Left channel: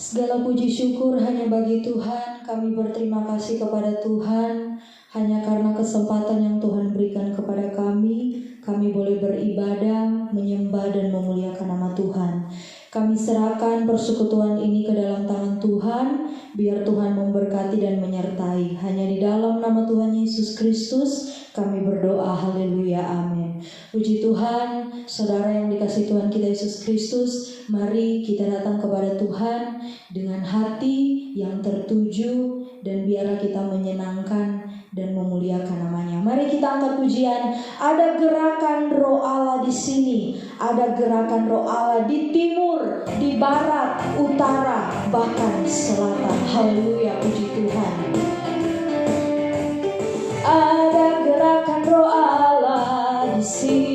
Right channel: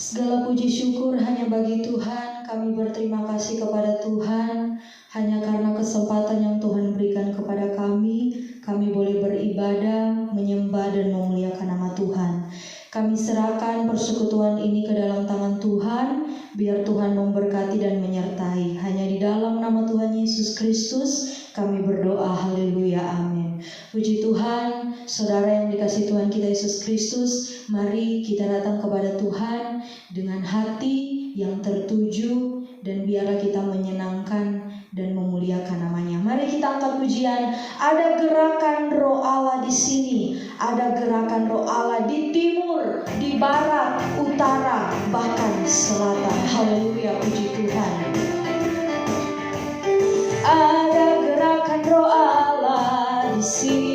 Segala puji syukur hanya bagi Tuhan. Kami berterima kasih kepada Tuhan hanya karena kesempatan yang Tuhan berikan kepada kami. Kami boleh beribadah, menyembah dan memuliakan nama Tuhan. Kami serahkan persekutuan ini ke dalam tangan Tuhan, biar Tuhan memberkati dan menyertai. Hanya di dalam nama Tuhan Yesus Kristus kami berdoa, haleluya, amin. Puji Tuhan, saudara yang dikasihi Tuhan kita Yesus Kristus, mari kita datang kepada Tuhan dengan hati yang tertuju, dan biarlah kita menyenangkan dan memuliakan namanya. Mari kita angkat pujian. Ada gerakan Roh Allah di sini, ada gerakan Roh Allah di timur, di barat, utara, bahkan selatan. Haleluya, puji Tuhan. Ada gerakan Roh Allah di sini.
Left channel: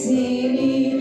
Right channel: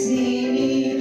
Sini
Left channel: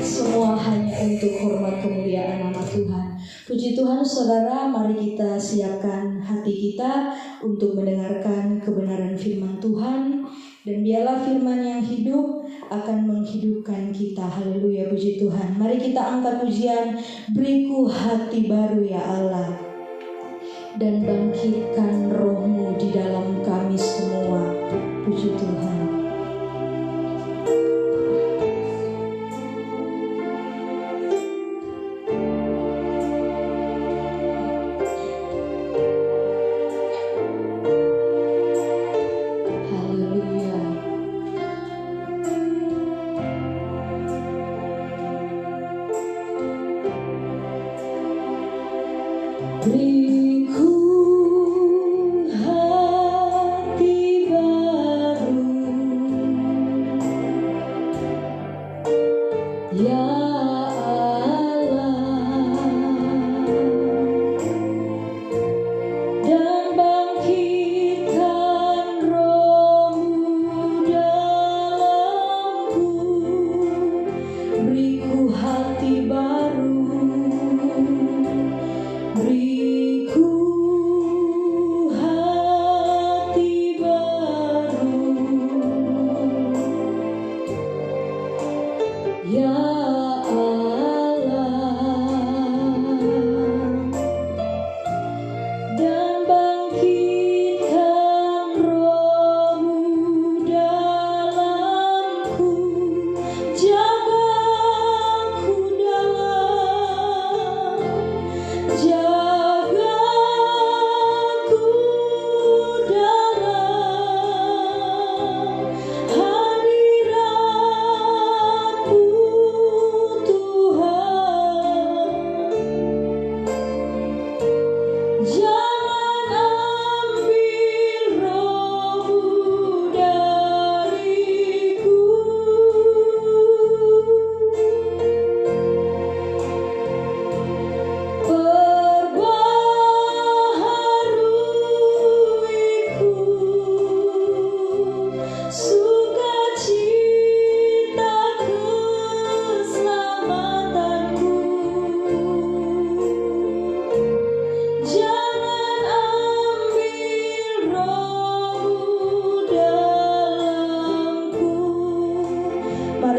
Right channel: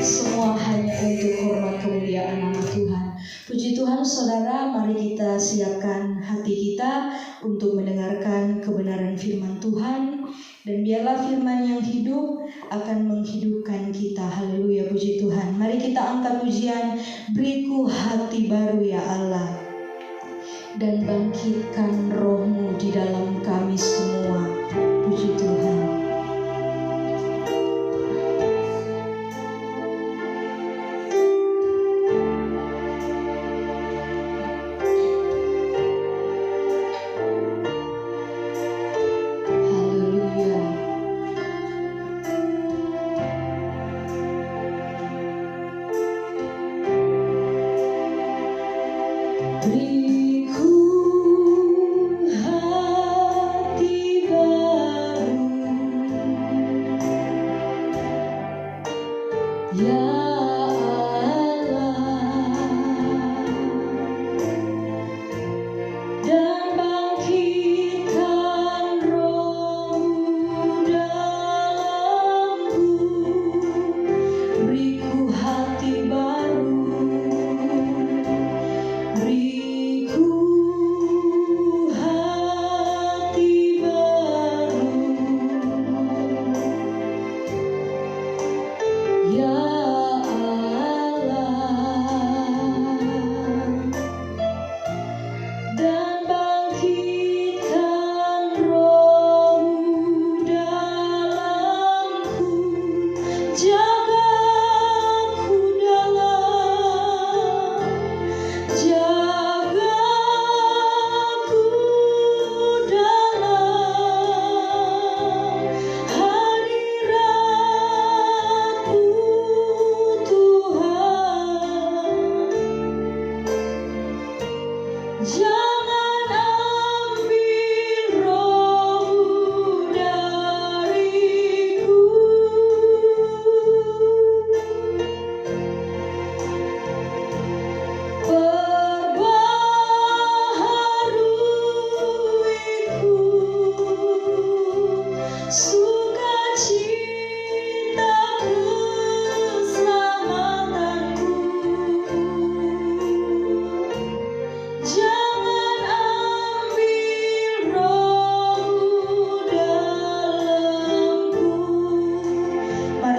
Semua hanya untuk hormat kemuliaan nama Tuhan. Puji Tuhan saudara, mari kita siapkan hati kita untuk mendengarkan kebenaran firman Tuhan. Dan biarlah firman yang hidup akan menghidupkan kita. Haleluya, puji Tuhan. Mari kita angkat pujian, beriku hati baru ya Allah, dan bangkitkan roh-Mu di dalam kami semua. Puji Tuhan.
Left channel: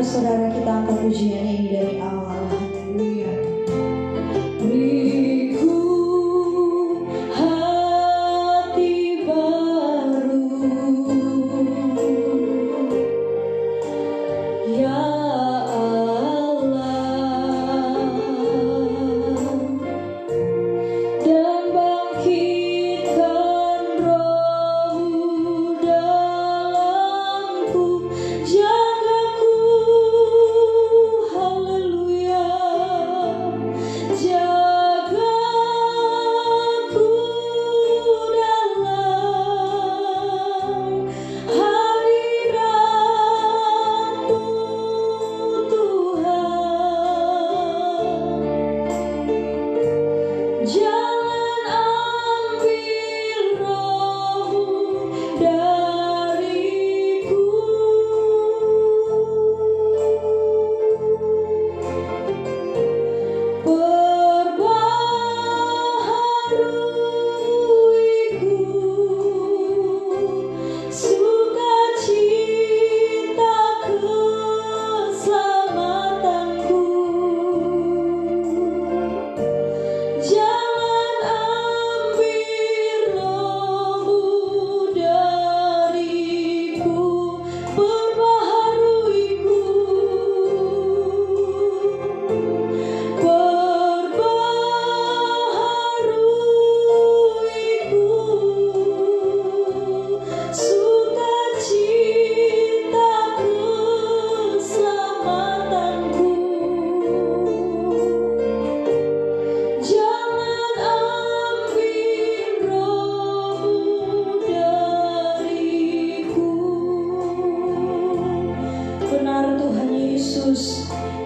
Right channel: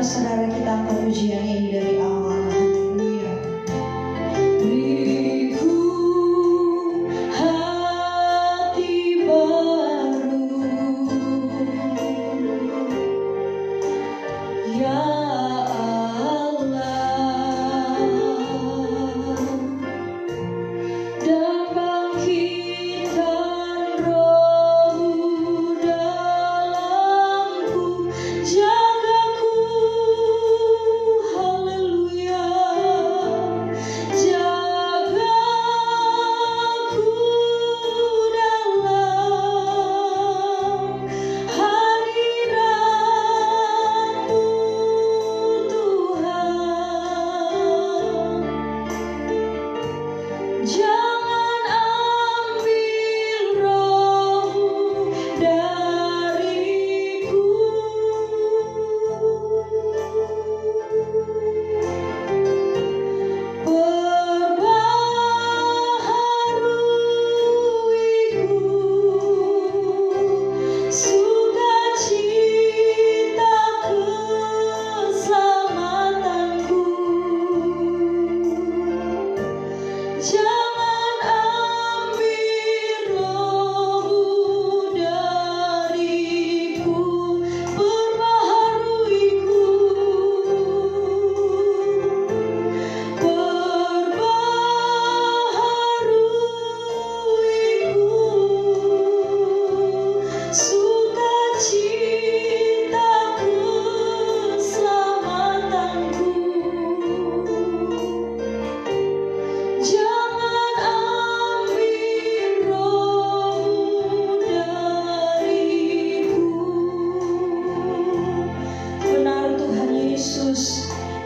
Saudara, kita angkat pujian ini dari awal. Haleluya. Beriku hati baru ya Allah, dan bangkitkan roh-Mu dalamku.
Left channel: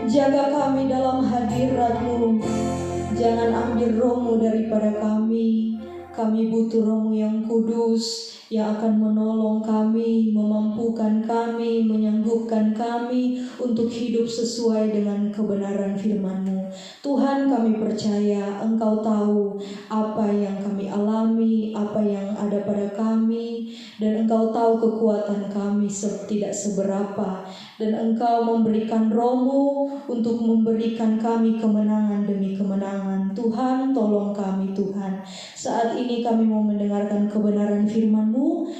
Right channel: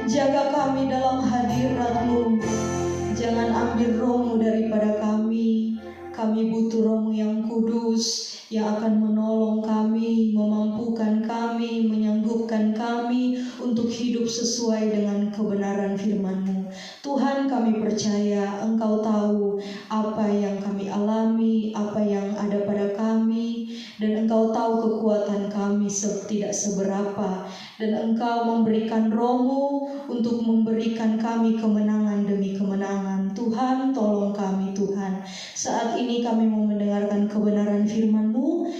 Jaga kami dalam hadirat-Mu, jangan ambil roh-Mu daripada kami. Kami butuh Roh-Mu yang kudus yang akan menolong kami, memampukan kami, menyanggupkan kami untuk hidup sesuai dengan kebenaran firman-Mu. Tuhan, kami percaya Engkau tahu apa yang kami alami, apa yang ada pada kami, dan Engkau tahu kekuatan kami tidak seberapa, dan Engkau memberikan Roh-Mu untuk memberikan kami kemenangan demi kemenangan. Tuhan, tolong kami Tuhan. Saat ini kami mau mendengarkan kebenaran firman-Mu.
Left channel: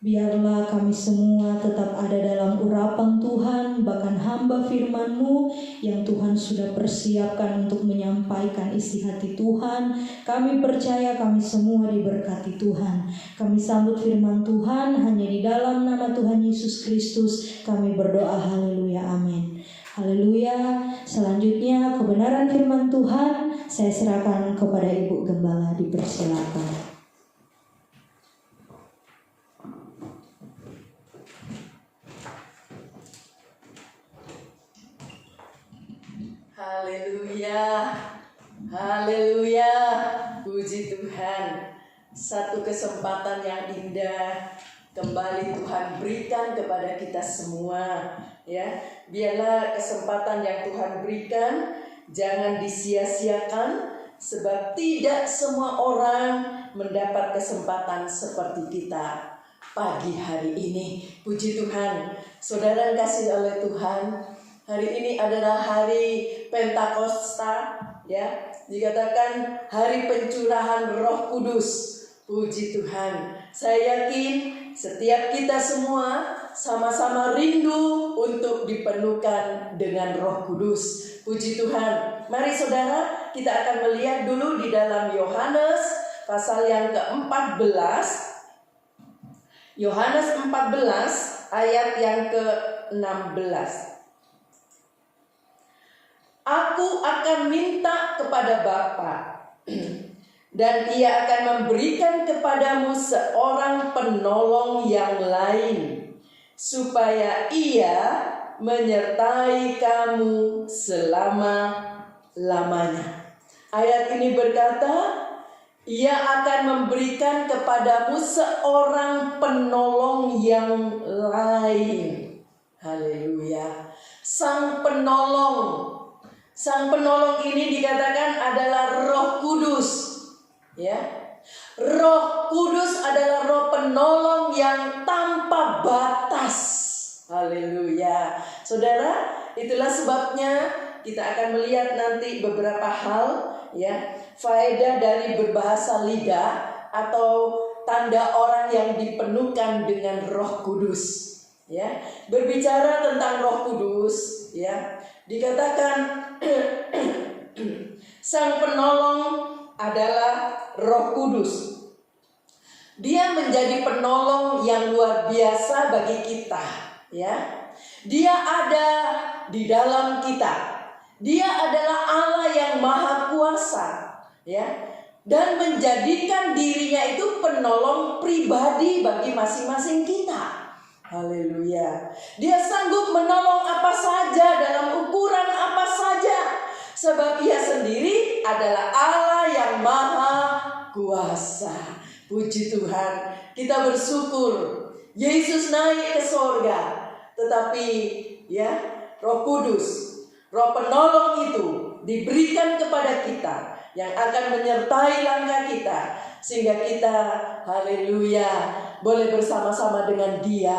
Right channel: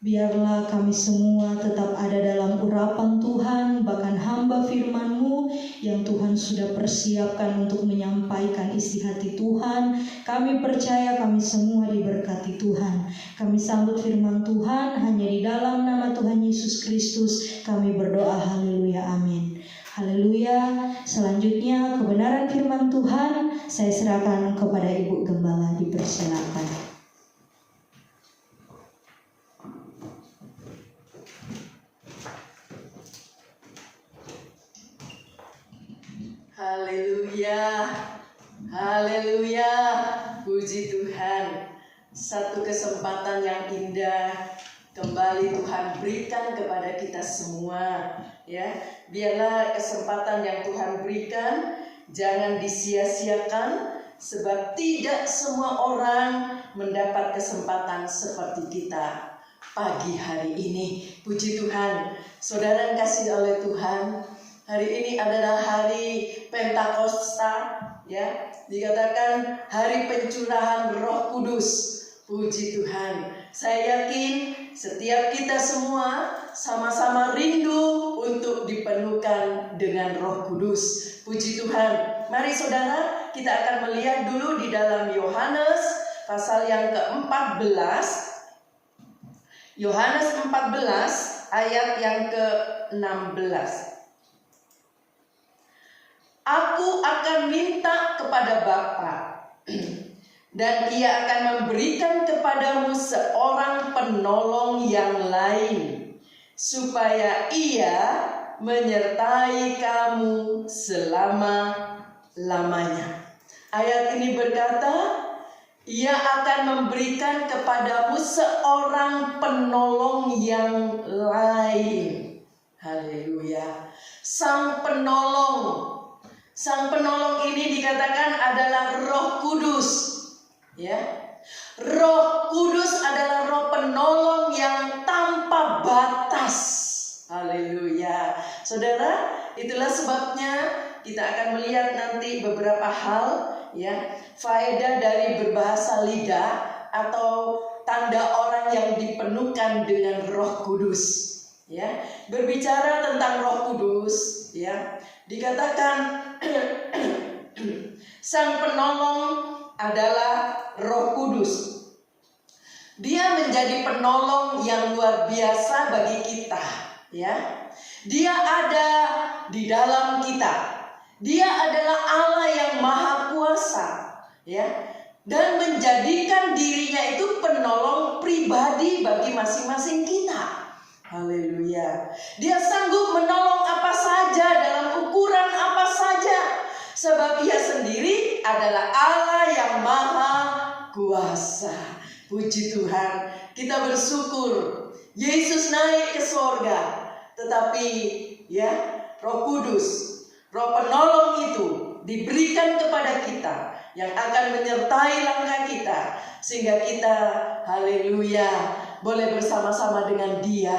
Biarlah kami semua tetap ada dalam urapan Tuhan, bahkan hamba firman-Mu yang Tuhan sudah persiapkan untuk menyampaikan isi hati Tuhan. Kami percaya kami semua diberkati Tuhan. Kami sambut firman Tuhan hanya di dalam nama Tuhan Yesus Kristus. Kami berdoa, haleluya, amin. Haleluya. Selanjutnya kebenaran firman Tuhan saya serahkan kepada Ibu Gembala, dipersilakan. Haleluya, haleluya, puji Tuhan. Satu kesempatan yang indah kembali Tuhan berikan kepada kita semua, ya. Biarlah kesempatan yang Tuhan berikan jangan disia-siakan, sebab tidak semua orang mendapat kesempatan seperti kita pagi hari ini. Puji Tuhan, saudara yang kasih oleh Tuhan. Hari ini adalah hari Pentakosta, ya. Dikatakan hari pencurahan Roh Kudus. Puji Tuhan. Saya yakin setiap kita semua sama-sama rindu untuk dipenuhkan dengan Roh Kudus. Puji Tuhan. Mari saudara, kita akan melihat dulu di dalam Yohanes pasal yang ke-14. Yohanes 14 ayat yang ke-16. Aku akan minta kepada Bapa, dan Ia akan memberikan kepadamu seorang penolong yang lain, supaya Ia menyertai kamu selama-lamanya. Ayat ini berkata, Ia akan memberikan kepadamu seorang penolong yang lain. Haleluya. Sang penolong. Sang penolong ini dikatakan adalah Roh Kudus, ya. Roh Kudus adalah Roh penolong yang tanpa batas. Haleluya. Saudara, itulah sebabnya kita akan melihat nanti beberapa hal, ya, faedah dari berbahasa lidah atau tanda orang yang dipenuhkan dengan Roh Kudus, ya. Berbicara tentang Roh Kudus, ya, dikatakan Sang penolong adalah Roh Kudus. Dia menjadi penolong yang luar biasa bagi kita, ya. Dia ada di dalam kita. Dia adalah Allah yang maha kuasa, ya, dan menjadikan dirinya itu penolong pribadi bagi masing-masing kita. Haleluya. Dia sanggup menolong apa saja dalam ukuran apa saja, sebab Ia sendiri adalah Allah yang maha kuasa. Puji Tuhan. Kita bersyukur Yesus naik ke sorga, tetapi, ya, Roh Kudus, Roh penolong itu diberikan kepada kita yang akan menyertai langkah kita, sehingga kita, haleluya, boleh bersama-sama dengan Dia,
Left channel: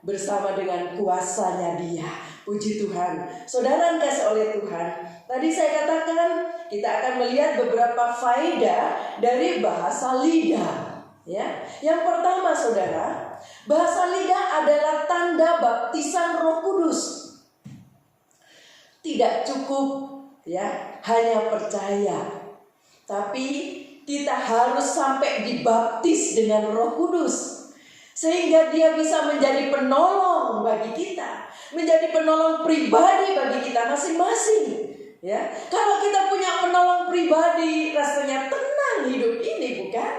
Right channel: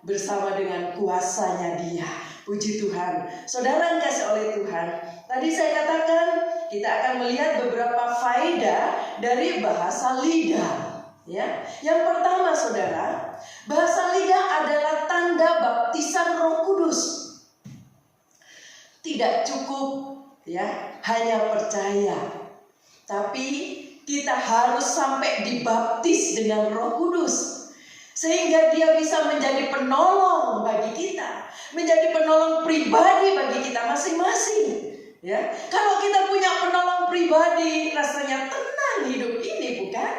bersama dengan kuasanya Dia. Puji Tuhan. Saudara yang kasih oleh Tuhan, tadi saya katakan kita akan melihat beberapa faedah dari bahasa lidah, ya. Yang pertama, saudara, bahasa lidah adalah tanda baptisan Roh Kudus. Tidak cukup, ya, hanya percaya, tapi kita harus sampai dibaptis dengan Roh Kudus, sehingga Dia bisa menjadi penolong bagi kita, menjadi penolong pribadi bagi kita masing-masing, ya. Kalau kita punya penolong pribadi, rasanya tenang hidup ini, bukan?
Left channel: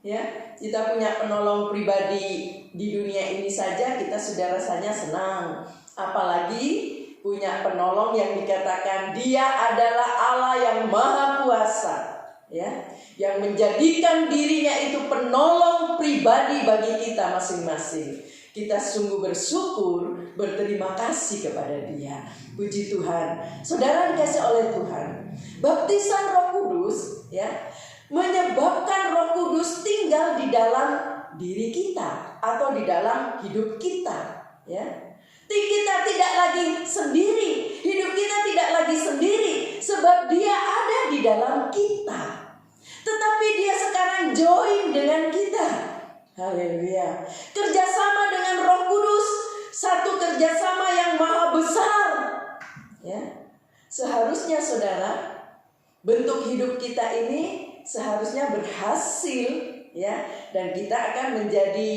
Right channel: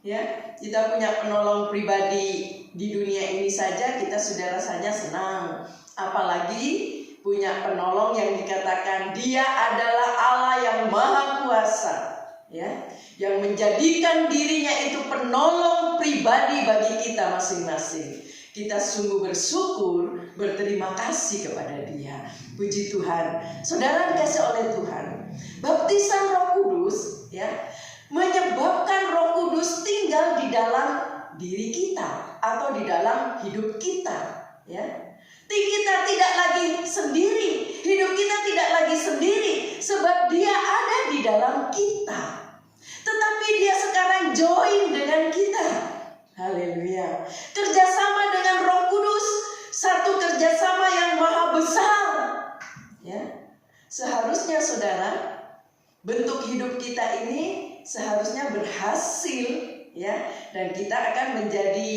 Ya, kita punya penolong pribadi di dunia ini saja kita sudah rasanya senang, apalagi punya penolong yang dikatakan Dia adalah Allah yang maha kuasa, ya, yang menjadikan dirinya itu penolong pribadi bagi kita masing-masing. Kita sungguh bersyukur, berterima kasih kepada Dia. Puji Tuhan. Saudara dikasih oleh Tuhan, baptisan Roh Kudus ya menyebabkan Roh Kudus tinggal di dalam diri kita atau di dalam hidup kita, ya. Kita tidak lagi sendiri, hidup kita tidak lagi sendiri, sebab Dia ada di dalam kita. Tetapi Dia sekarang join dengan kita. Haleluya. Kerjasama dengan Roh Kudus, satu kerjasama yang maha besar. Ya, seharusnya saudara, bentuk hidup kita ini seharusnya berhasil, ya, dan kita akan menjadi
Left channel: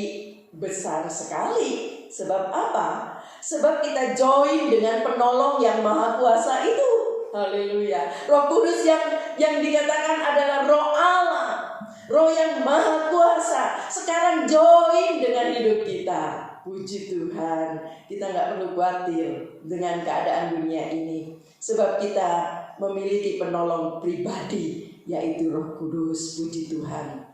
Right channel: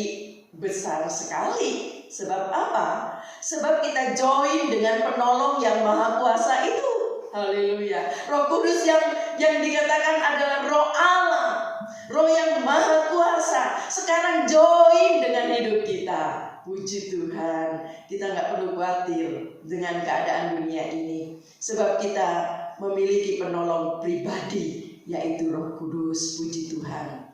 besar sekali. Sebab apa? Sebab kita join dengan penolong yang maha kuasa itu. Haleluya. Roh Kudus yang dikatakan adalah Roh Allah, Roh yang maha kuasa, sekarang join dengan hidup kita. Puji Tuhan. Kita nggak perlu khawatir dengan keadaan dunia ini, sebab kita memiliki penolong pribadi, yaitu Roh Kudus. Puji Tuhan.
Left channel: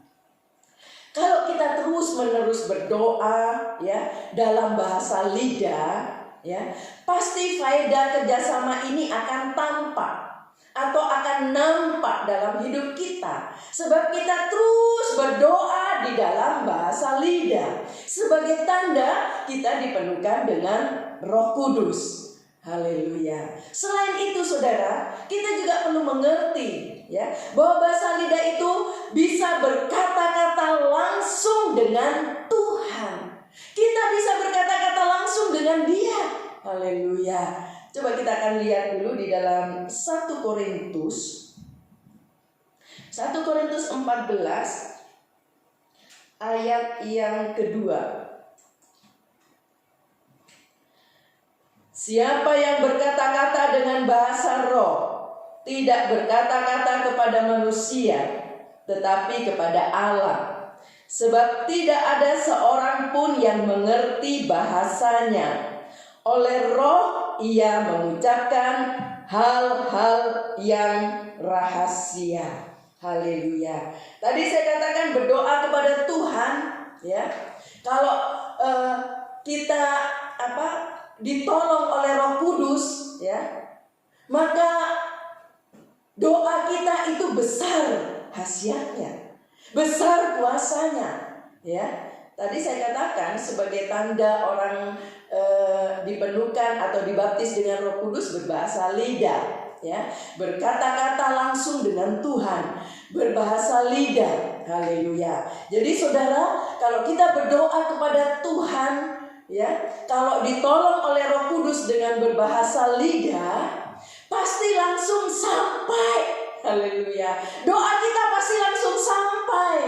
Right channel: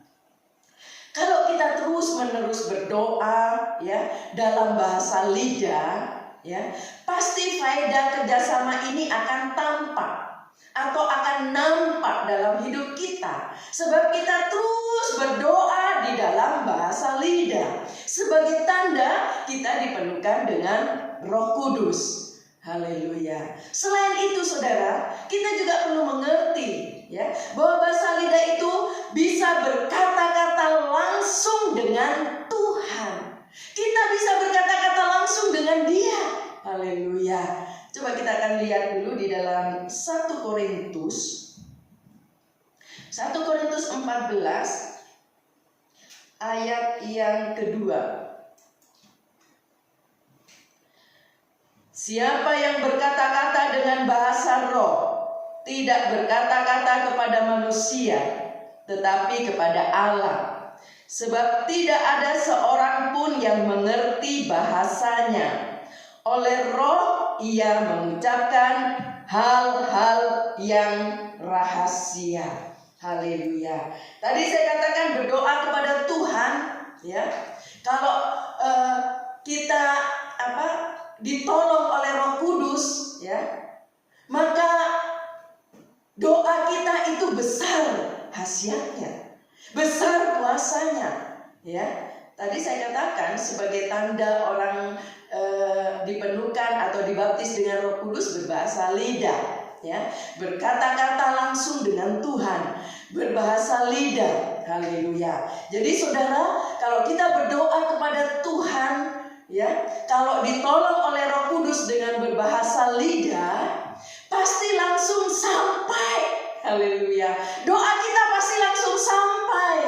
Kalau kita terus-menerus berdoa ya dalam bahasa lidah, ya, pasti faedah kerjasama ini akan tampak atau akan nampak dalam hidup kita, sebab kita terus berdoa di dalam bahasa lidah. Sebagai tanda kita dipenuhkan dengan Roh Kudus. Haleluya. Selain itu saudara, kita juga perlu mengerti ya bahwa bahasa lidah itu bisa berkata-kata langsung dengan Tuhan. Kita bisa berkata-kata langsung dengan Dia. Haleluya. Coba kita akan lihat dulu di dalam 1 Korintus 14 ayat yang kedua. Siapa yang berkata-kata dengan bahasa roh tidak berkata-kata kepada manusia, tetapi kepada Allah. Sebab tidak ada seorang pun yang mengerti bahasanya. Oleh roh ia mengucapkan hal-hal yang rahasia. Haleluya. Tadi saya katakan berdoa kepada Tuhan, ya. Kalau kita ditolong oleh Roh Kudus, ya, maka doa kita itu besar khasiatnya, besar kuasanya, ya. Tadi saya katakan sebagai tanda orang dipenuhkan atau dibaptis dengan Roh Kudus berbahasa lidah, ya, berkata-kata langsung dengan Tuhan, berbahasa lidah. Haleluya. Jadi saudara, kalau kita berdoa kepada Tuhan, ya, kalau ditolong oleh Roh Kudus dengan berbahasa lidah, pasti langsung sampai. Haleluya. Doa kita pasti langsung sampai.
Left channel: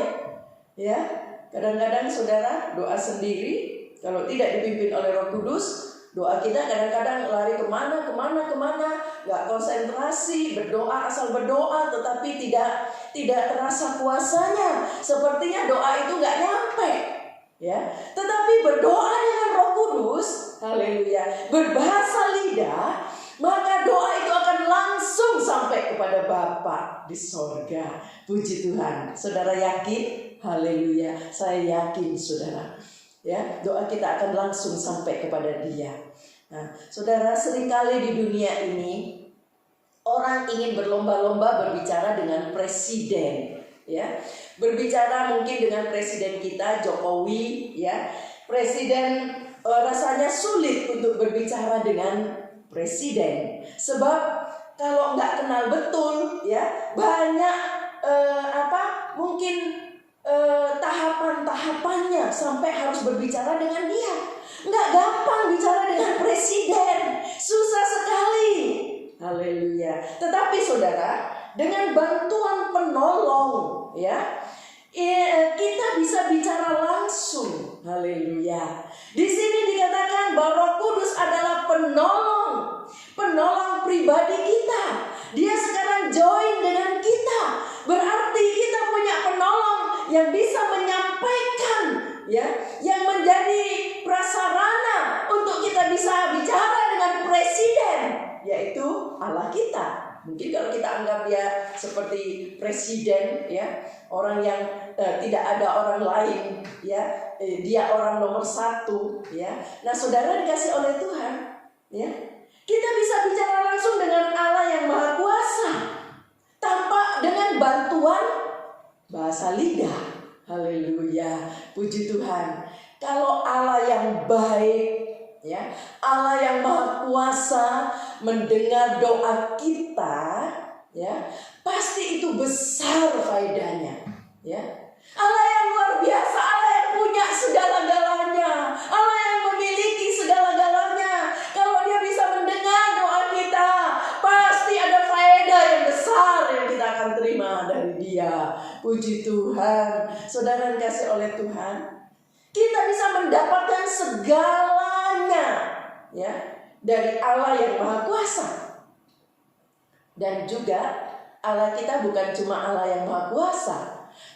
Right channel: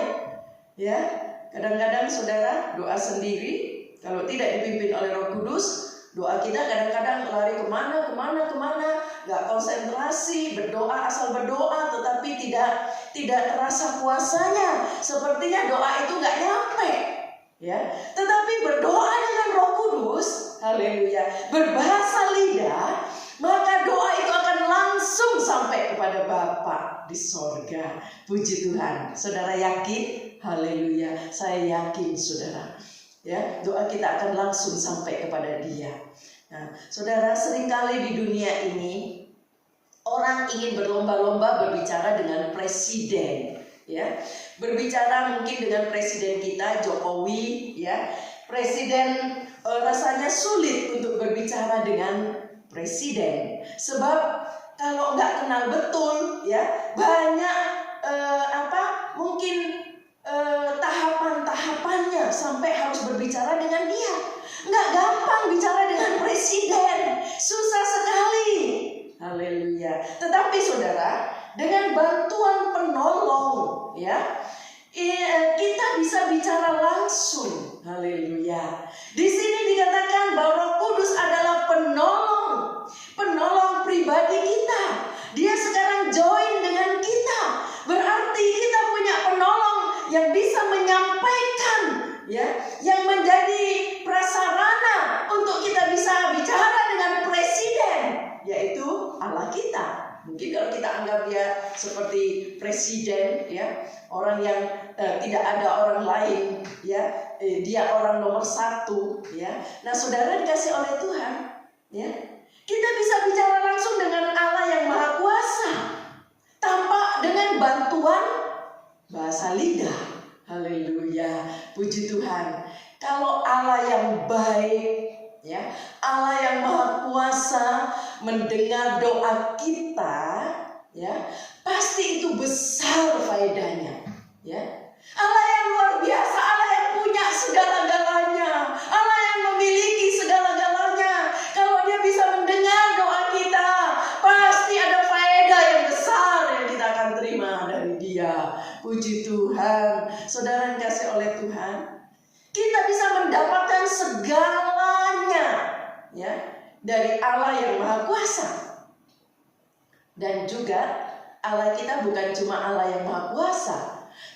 Ya, kadang-kadang saudara doa sendiri, kalau tidak dipimpin oleh Roh Kudus, doa kita kadang-kadang lari kemana, nggak konsentrasi, berdoa asal berdoa, tetapi tidak terasa kuasanya. Sepertinya doa itu nggak nyampe. Ya, tetapi berdoa dengan Roh Kudus, haleluya, berbahasa lidah, maka doa itu akan langsung sampai kepada Bapa di sorga. Puji Tuhan. Saudara yakin? Haleluya. Saya yakin saudara. Ya, doa kita akan langsung sampai kepada Dia. Nah, saudara, seringkali di dunia ini orang ingin berlomba-lomba berbicara dengan presiden, ya. Berbicara mungkin dengan presiden kita Jokowi, ya. Presiden rasanya sulit untuk berbicara dengan presiden, sebab kalau nggak kenal betul, ya, banyak mungkin tahapan-tahapannya sampai harus berbicara dengan dia. Nggak gampang bicara dengan presiden, susah sekali. Haleluya. Tetapi saudara, dengan bantuan penolong, ya, kita bisa bicara langsung. Haleluya. Di sini dikatakan bahwa Roh Kudus adalah penolong pribadi kita. Dia sekarang join dengan kita. Berarti kita punya penolong yang bisa menyampaikan, ya, yang menjadi prasarana untuk kita bisa bicara dengan presiden, yaitu Allah kita. Mungkin kalau kita anggap dia seperti presiden, ya, orang yang tidak ada orang lain, ya, dia orang nomor satu, ya. Nah, saudara dikasih oleh Tuhan, ya, kita bisa bicara langsung dengan Allah yang Maha Kuasa tanpa dengan bantuan bahasa lidah. Haleluya, puji Tuhan. Kalau Allah yang baik, ya, Allah yang Maha Kuasa mendengar doa kita, ya, pasti itu besar faedahnya, ya. Allah yang luar biasa, Allah yang punya segala-galanya, Allah yang memiliki segala-galanya. Kalau dia bisa mendengar doa kita, pasti ada faedah yang besar yang kita akan terima dari dia. Puji Tuhan. Saudara yang dikasih oleh Tuhan, kita bisa mendapatkan segalanya, ya, dari Allah yang Maha Kuasa. Dan juga Allah kita bukan cuma Allah yang Maha Kuasa,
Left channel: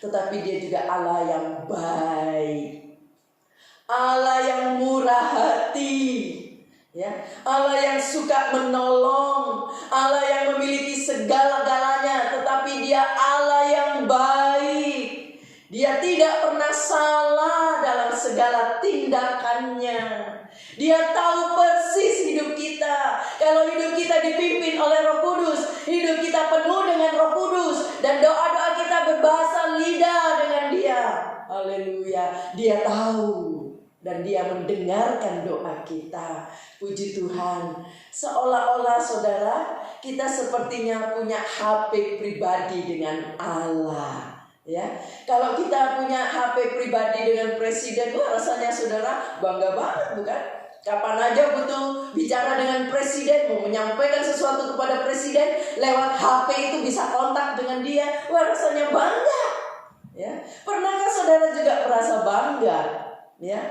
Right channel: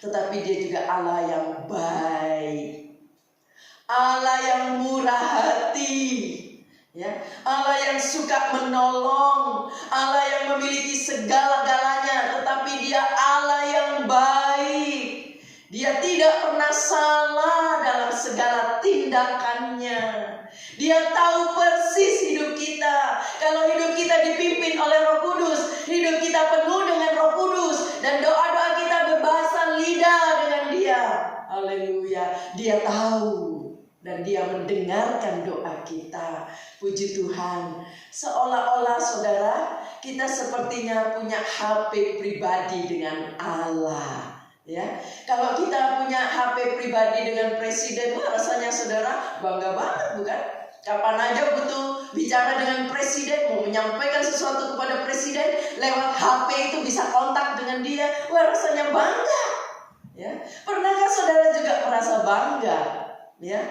tetapi dia juga Allah yang baik, Allah yang murah hati, ya, Allah yang suka menolong, Allah yang memiliki segala-galanya, tetapi dia Allah yang baik. Dia tidak pernah salah dalam segala tindakannya. Dia tahu persis hidup kita. Kalau hidup kita dipimpin oleh Roh Kudus, hidup kita penuh dengan Roh Kudus, dan doa-doa kita berbahasa lidah dengan dia. Haleluya. Dia tahu dan dia mendengarkan doa kita. Puji Tuhan. Seolah-olah saudara, kita sepertinya punya HP pribadi dengan Allah. Ya, kalau kita punya HP pribadi dengan presiden, wah, rasanya saudara bangga banget, bukan? Kapan aja butuh bicara dengan presiden, mau menyampaikan sesuatu kepada presiden, lewat HP itu bisa kontak dengan dia, wah, rasanya bangga. Ya, pernahkah saudara juga merasa bangga? Ya,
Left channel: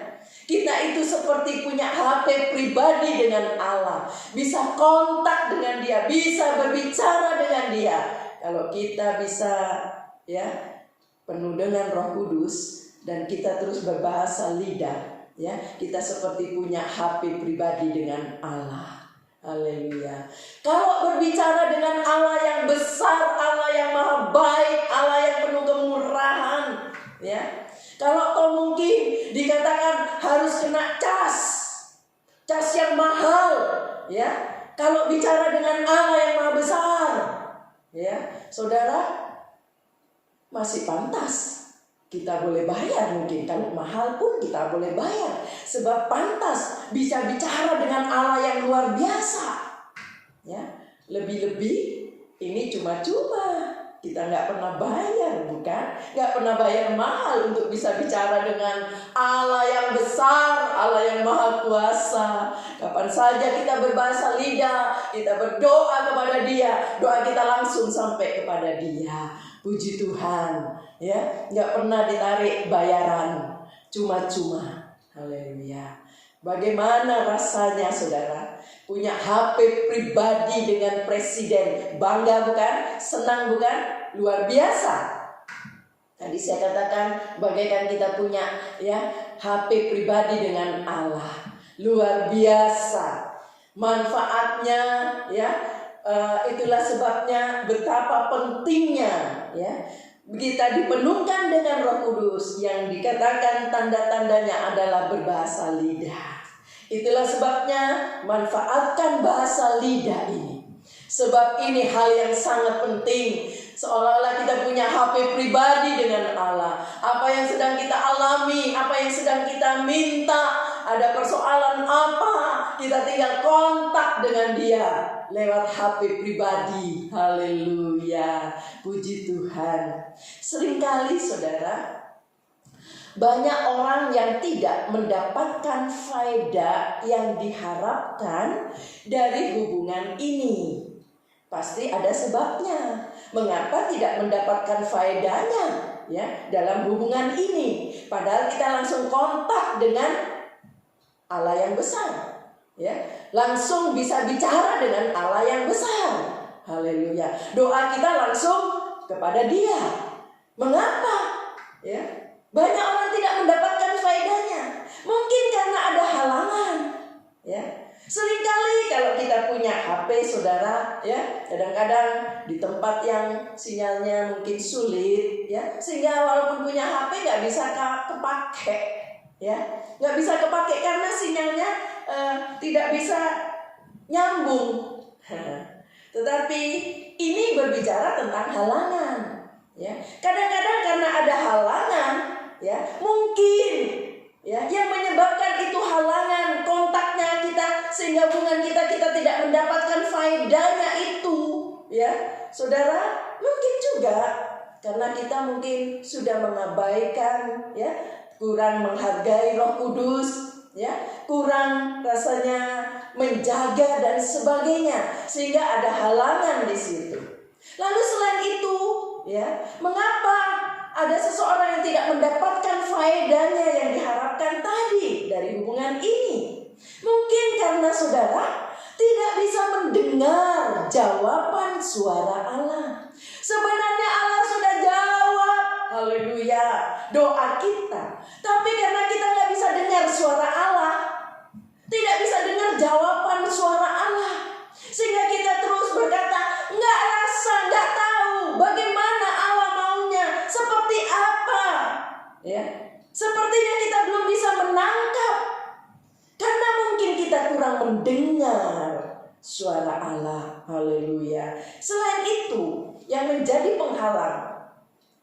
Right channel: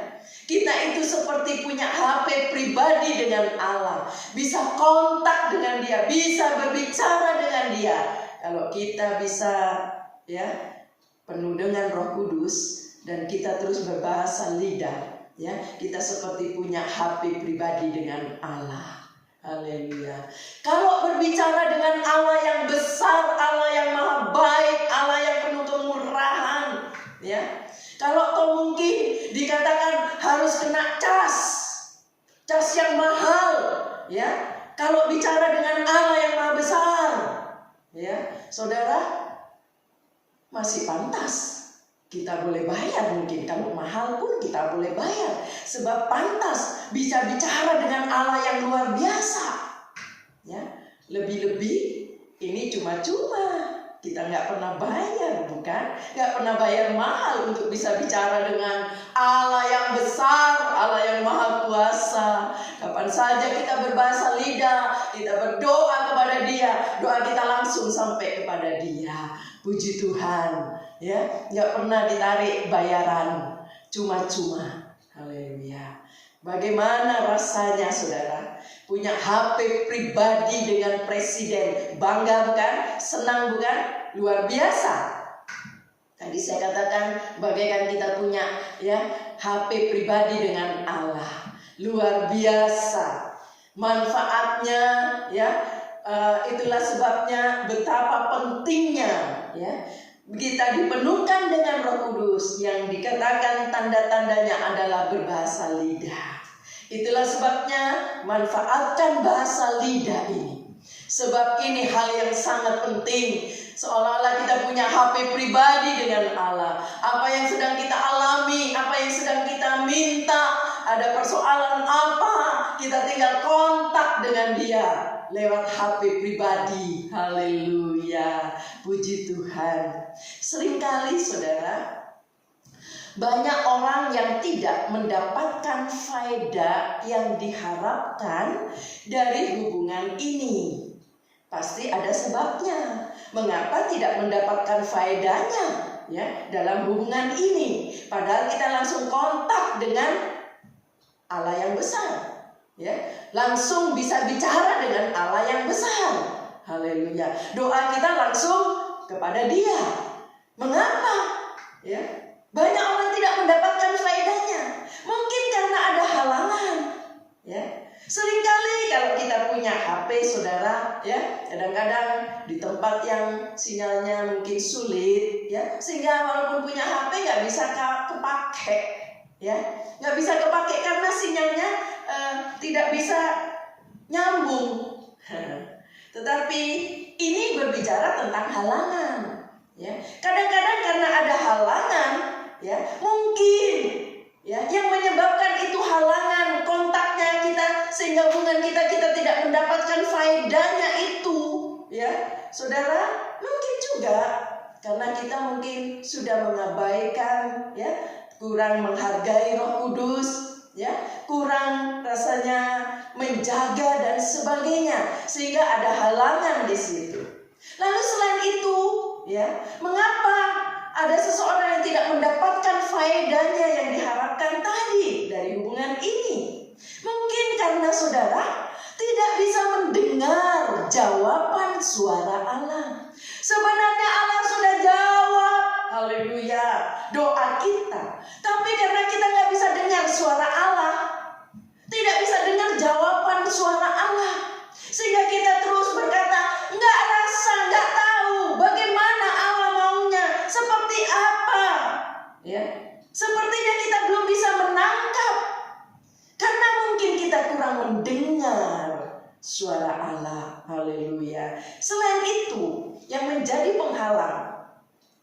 kita itu seperti punya HP pribadi dengan Allah, bisa kontak dengan dia, bisa berbicara dengan dia. Kalau kita bisa, ya, penuh dengan Roh Kudus dan kita terus berbahasa lidah, ya, kita seperti punya HP pribadi dengan Allah. Haleluya. Kalau berbicara dengan Allah yang besar, Allah yang Maha baik, Allah yang penuh kemurahan, ya. Kalau kau mungkin dikatakan harus kena cas yang mahal, ya. Kalau bicara dengan Allah yang Maha besar, ya, saudara, masih pantas kita boleh bayar. Mungkin kalau mahal pun kita boleh bayar, sebab pantas bisa bicara dengan Allah yang luar biasa, ya. Lebih-lebih ini cuma-cuma, kita nggak pernah bayar, bukan? Nggak pernah bayar mahal untuk bisa bicara dengan Allah yang besar, Allah yang Maha Kuasa. Kapan saja kita berbahasa lidah, kita berdoa kepada dia, doa kita langsung sampai kepada dia. Puji Tuhan, ya, nggak pernah ditarik bayaran, cuma-cuma. Haleluya. Bagaimana rasanya saudara punya HP pribadi dengan presiden? Bangga bukan? Senang bukan? Luar biasa. Tadi saya katakan bagaikan kita punya, ya, HP pribadi dengan Allah. Luar biasa manfaatnya, ya. Itulah sebabnya betapa pentingnya, ya, kita dipenuhkan dengan Roh Kudus yang dikatakan tanda-tandanya adalah berbahasa lidah. Itulah sebabnya manfaatkan bahasa lidah ini, sebab ini hal yang sangat penting. Seolah-olah kita punya HP pribadi dengan Allah. Apa yang sedang kita alami, apa yang sedang kita minta, ada persoalan apa, kita tinggal kontak dengan dia lewat HP pribadi. Haleluya, puji Tuhan. Seringkali saudara, banyak orang yang tidak mendapatkan faedah yang diharapkan dari hubungan ini. Pasti ada sebabnya. Mengapa tidak mendapatkan faedahnya, ya, dalam hubungan ini? Padahal kita langsung kontak dengan Allah yang besar, ya, langsung bisa bicara dengan Allah yang besar. Haleluya. Doa kita langsung kepada dia. Mengapa, ya, banyak orang tidak mendapatkan faedahnya? Mungkin karena ada halangan, ya. Seringkali kalau kita punya HP saudara, ya, kadang-kadang di tempat yang sinyalnya mungkin sulit, ya, sehingga walaupun punya HP nggak bisa kepake, ya, nggak bisa kepake karena sinyalnya tidak bisa nyambung. Tetapi ini berbicara tentang halangan, ya. Kadang-kadang karena ada halangan, ya, mungkin, ya, yang menyebabkan itu halangan kontaknya kita, sehingga hubungan kita tidak mendapatkan faedahnya itu, ya, saudara. Mungkin juga karena kita mungkin sudah mengabaikan, ya, kurang menghargai Roh Kudus, ya, kurang rasanya menjaga dan sebagainya, sehingga ada halangan di situ. Lalu selain itu, ya, mengapa ada seseorang yang tidak mendapatkan faedahnya yang diharapkan tadi dari hubungan ini? Mungkin karena saudara tidak bisa mendengar jawaban suara Allah. Sebenarnya Allah sudah jawab, haleluya, doa kita. Tapi karena kita nggak bisa dengar suara Allah, tidak bisa dengar jawaban suara Allah, sehingga kita terus berkata, nggak rasa, nggak tahu bagaimana Allah maunya, seperti apa, ya. Sepertinya kita belum bisa menangkap, karena mungkin kita kurang mendengar suara Allah, haleluya. Selain itu, yang menjadi penghalang,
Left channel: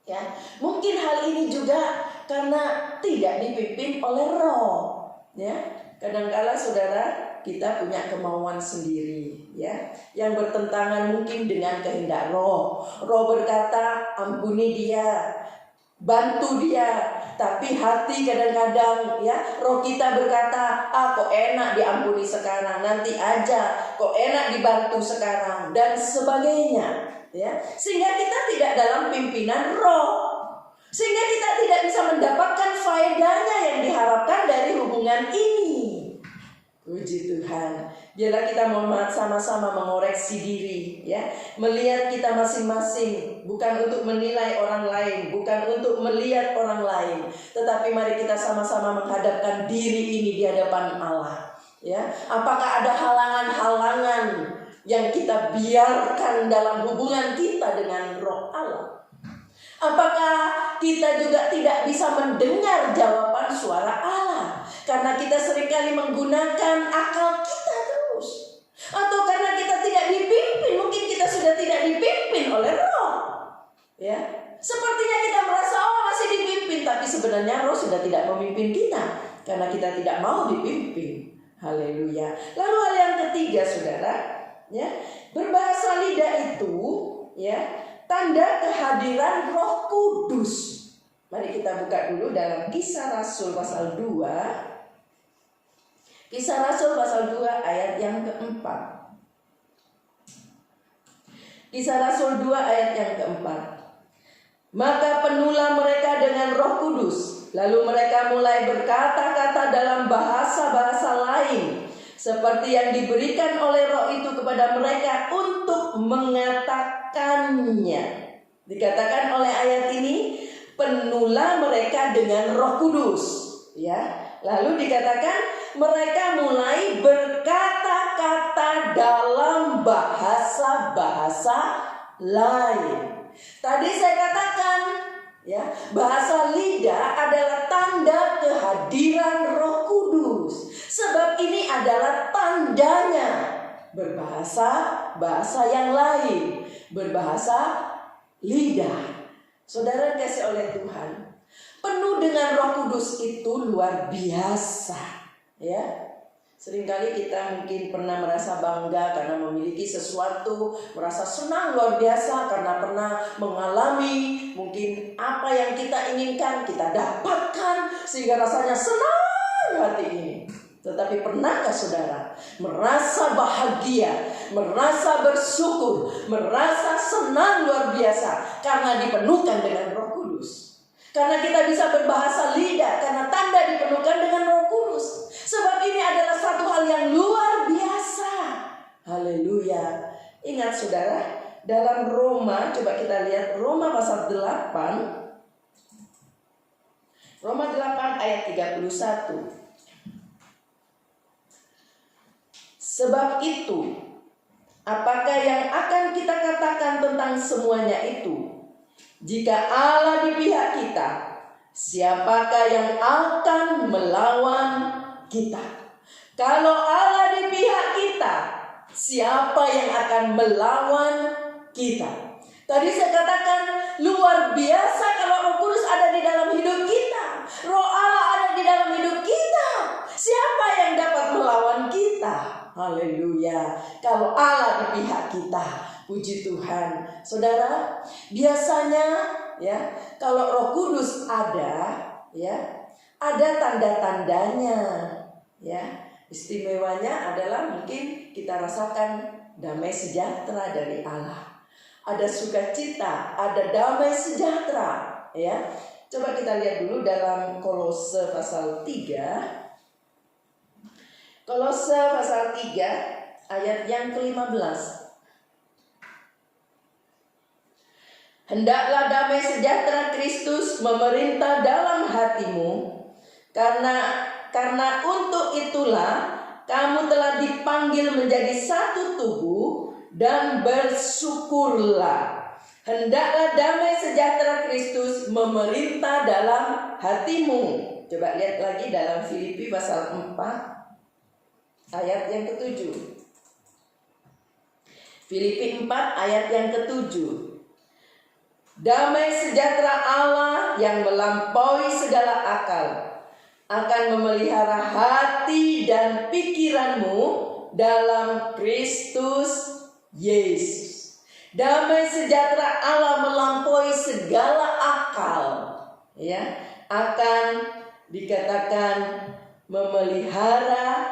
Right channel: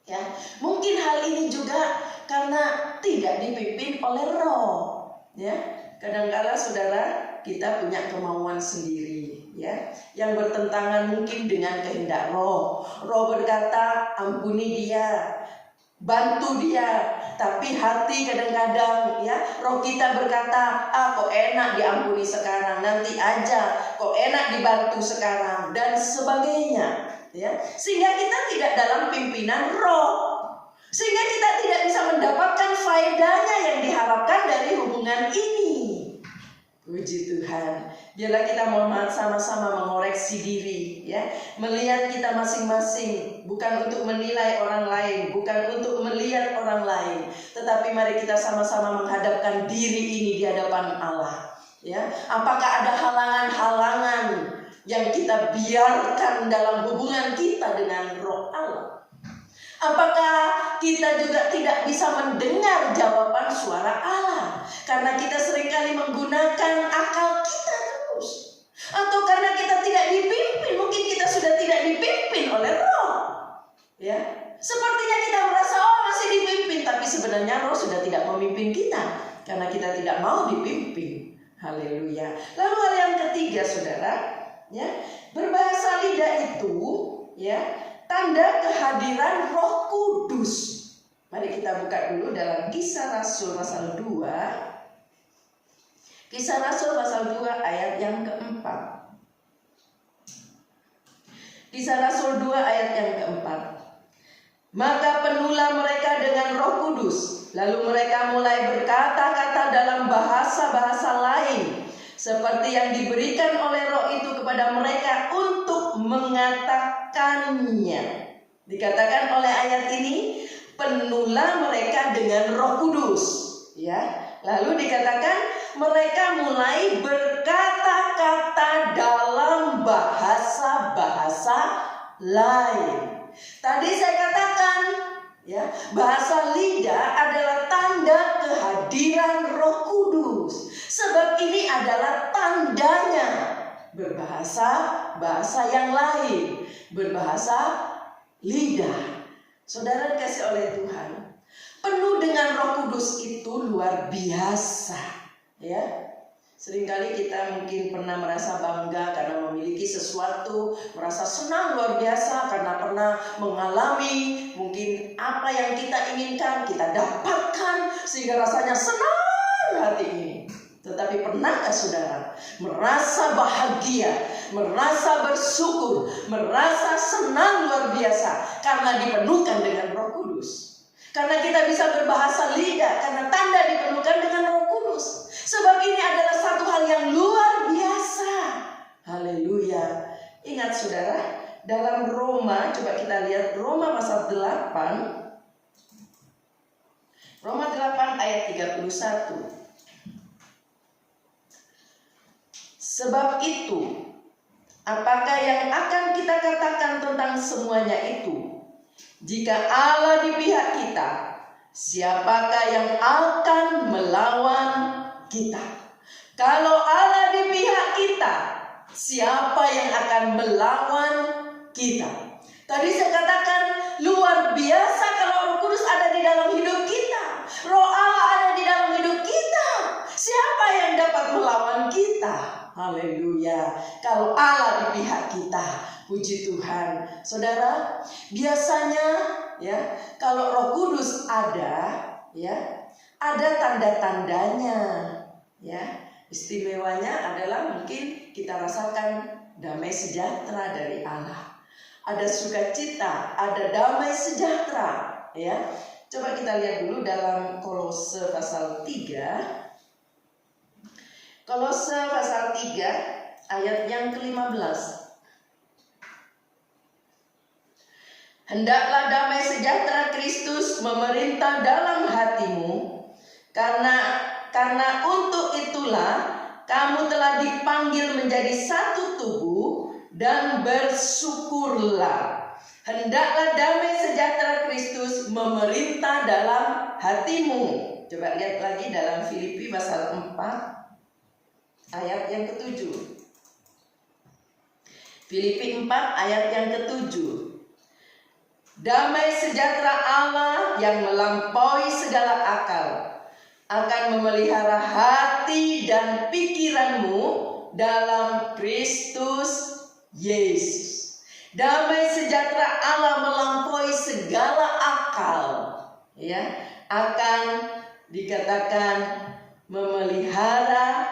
ya, mungkin hal ini juga karena tidak dipimpin oleh Roh, ya. Kadang-kala saudara, kita punya kemauan sendiri, ya, yang bertentangan mungkin dengan kehendak Roh. Roh berkata, ampuni dia, bantu dia. Tapi hati kadang-kadang, ya, roh kita berkata, kok enak diampuni sekarang, nanti aja, kok enak dibantu sekarang, dan sebagainya, ya. Sehingga kita tidak dalam pimpinan Roh, sehingga kita tidak bisa mendapatkan faedahnya yang diharapkan dari hubungan ini. Puji Tuhan. Biarlah kita sama-sama mengoreksi diri, ya, melihat kita masing-masing, bukan untuk menilai orang lain, bukan untuk melihat orang lain, tetapi mari kita sama-sama menghadapkan diri ini di hadapan Allah, ya. Apakah ada halangan-halangan yang kita biarkan dalam hubungan kita dengan Roh Allah? Apakah kita juga tidak bisa mendengar jawaban suara Allah karena kita seringkali menggunakan akal kita terus, atau karena kita tidak dipimpin? Mungkin kita sudah tidak dipimpin oleh Roh, ya. Sepertinya kita merasa masih dipimpin, tapi sebenarnya Roh sudah tidak memimpin kita karena kita tidak mau dipimpin. Haleluya. Lalu hal yang ketiga, saudara, ya, berbahasa lidah itu, ya, tanda kehadiran Roh Kudus. Mari kita buka dulu dalam Kisah Rasul pasal 2. Kisah Rasul pasal 2 ayat yang keempat. Kisah Rasul 2 ayat yang keempat. Maka penuhlah mereka dengan Roh Kudus, lalu mereka mulai berkata-kata dalam bahasa-bahasa lain, seperti yang diberikan oleh Roh itu kepada mereka untuk mengatakannya. Dikatakan oleh ayat ini, penuhlah mereka dengan Roh Kudus, ya. Lalu dikatakan mereka mulai berkata-kata dalam bahasa-bahasa lain. Tadi saya katakan, ya, bahasa lidah adalah tanda kehadiran Roh Kudus. Sebab ini adalah tandanya berbahasa-bahasa yang lain, berbahasa lidah. Saudara dikasih oleh Tuhan, penuh dengan Roh Kudus itu luar biasa, ya. Seringkali kita mungkin pernah merasa bangga karena memiliki sesuatu, merasa senang luar biasa karena pernah mengalami mungkin apa yang kita inginkan, kita dapatkan, sehingga rasanya senang hati ini. Tetapi pernahkah saudara merasa bahagia, merasa bersyukur, merasa senang luar biasa karena dipenuhkan dengan Roh Kudus? Karena kita bisa berbahasa lidah, karena tanda dipenuhkan dengan Roh Kudus. Sebab ini adalah satu hal yang luar biasa. Haleluya. Ingat saudara, dalam Roma, coba kita lihat Roma pasal 8. Roma 8 ayat 31. Sebab itu, Apakah yang akan kita katakan tentang semuanya itu? Jika Allah di pihak kita, siapakah yang akan melawan kita? Kalau Allah di pihak kita, siapa yang akan melawan kita? Tadi saya katakan luar biasa kalau Roh Kudus ada di dalam hidup kita. Roh Allah ada di dalam hidup kita. Siapa yang dapat melawan kita? Haleluya. Kalau Allah di pihak kita, puji Tuhan. Saudara, biasanya ya, kalau Roh Kudus ada, ya, ada tanda-tandanya, ya. Istimewanya adalah mungkin kita rasakan damai sejahtera dari Allah. Ada sukacita, ada damai sejahtera, ya. Coba kita lihat dulu dalam Kolose pasal 3. Kolose pasal 3 ayat yang ke-15. Hendaklah damai sejahtera Kristus memerintah dalam hatimu, karena untuk itulah kamu telah dipanggil menjadi satu tubuh, dan bersyukurlah. Hendaklah damai sejahtera Kristus memerintah dalam hatimu. Coba lihat lagi dalam Filipi pasal 4 ayat yang ke-7. Filipi 4 ayat yang ke-7. Damai sejahtera Allah yang melampaui segala akal akan memelihara hati dan pikiranmu dalam Kristus Yesus. Damai sejahtera Allah melampaui segala akal, ya, akan dikatakan memelihara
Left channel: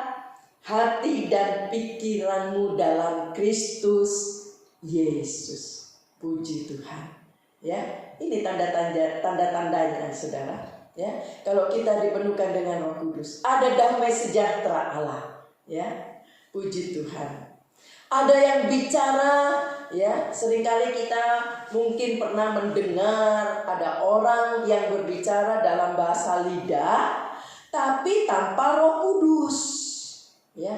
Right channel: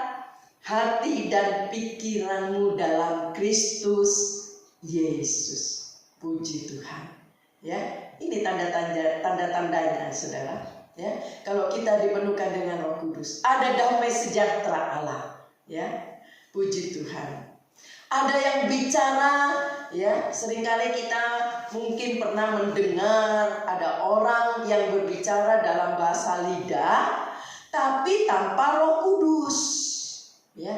hati dan pikiranmu dalam Kristus Yesus. Puji Tuhan. Ya, ini tanda-tandanya, saudara. Ya, kalau kita dipenuhkan dengan Roh Kudus, ada damai sejahtera Allah. Ya, puji Tuhan. Ada yang bicara, ya, seringkali kita mungkin pernah mendengar ada orang yang berbicara dalam bahasa lidah, tapi tanpa Roh Kudus. Ya,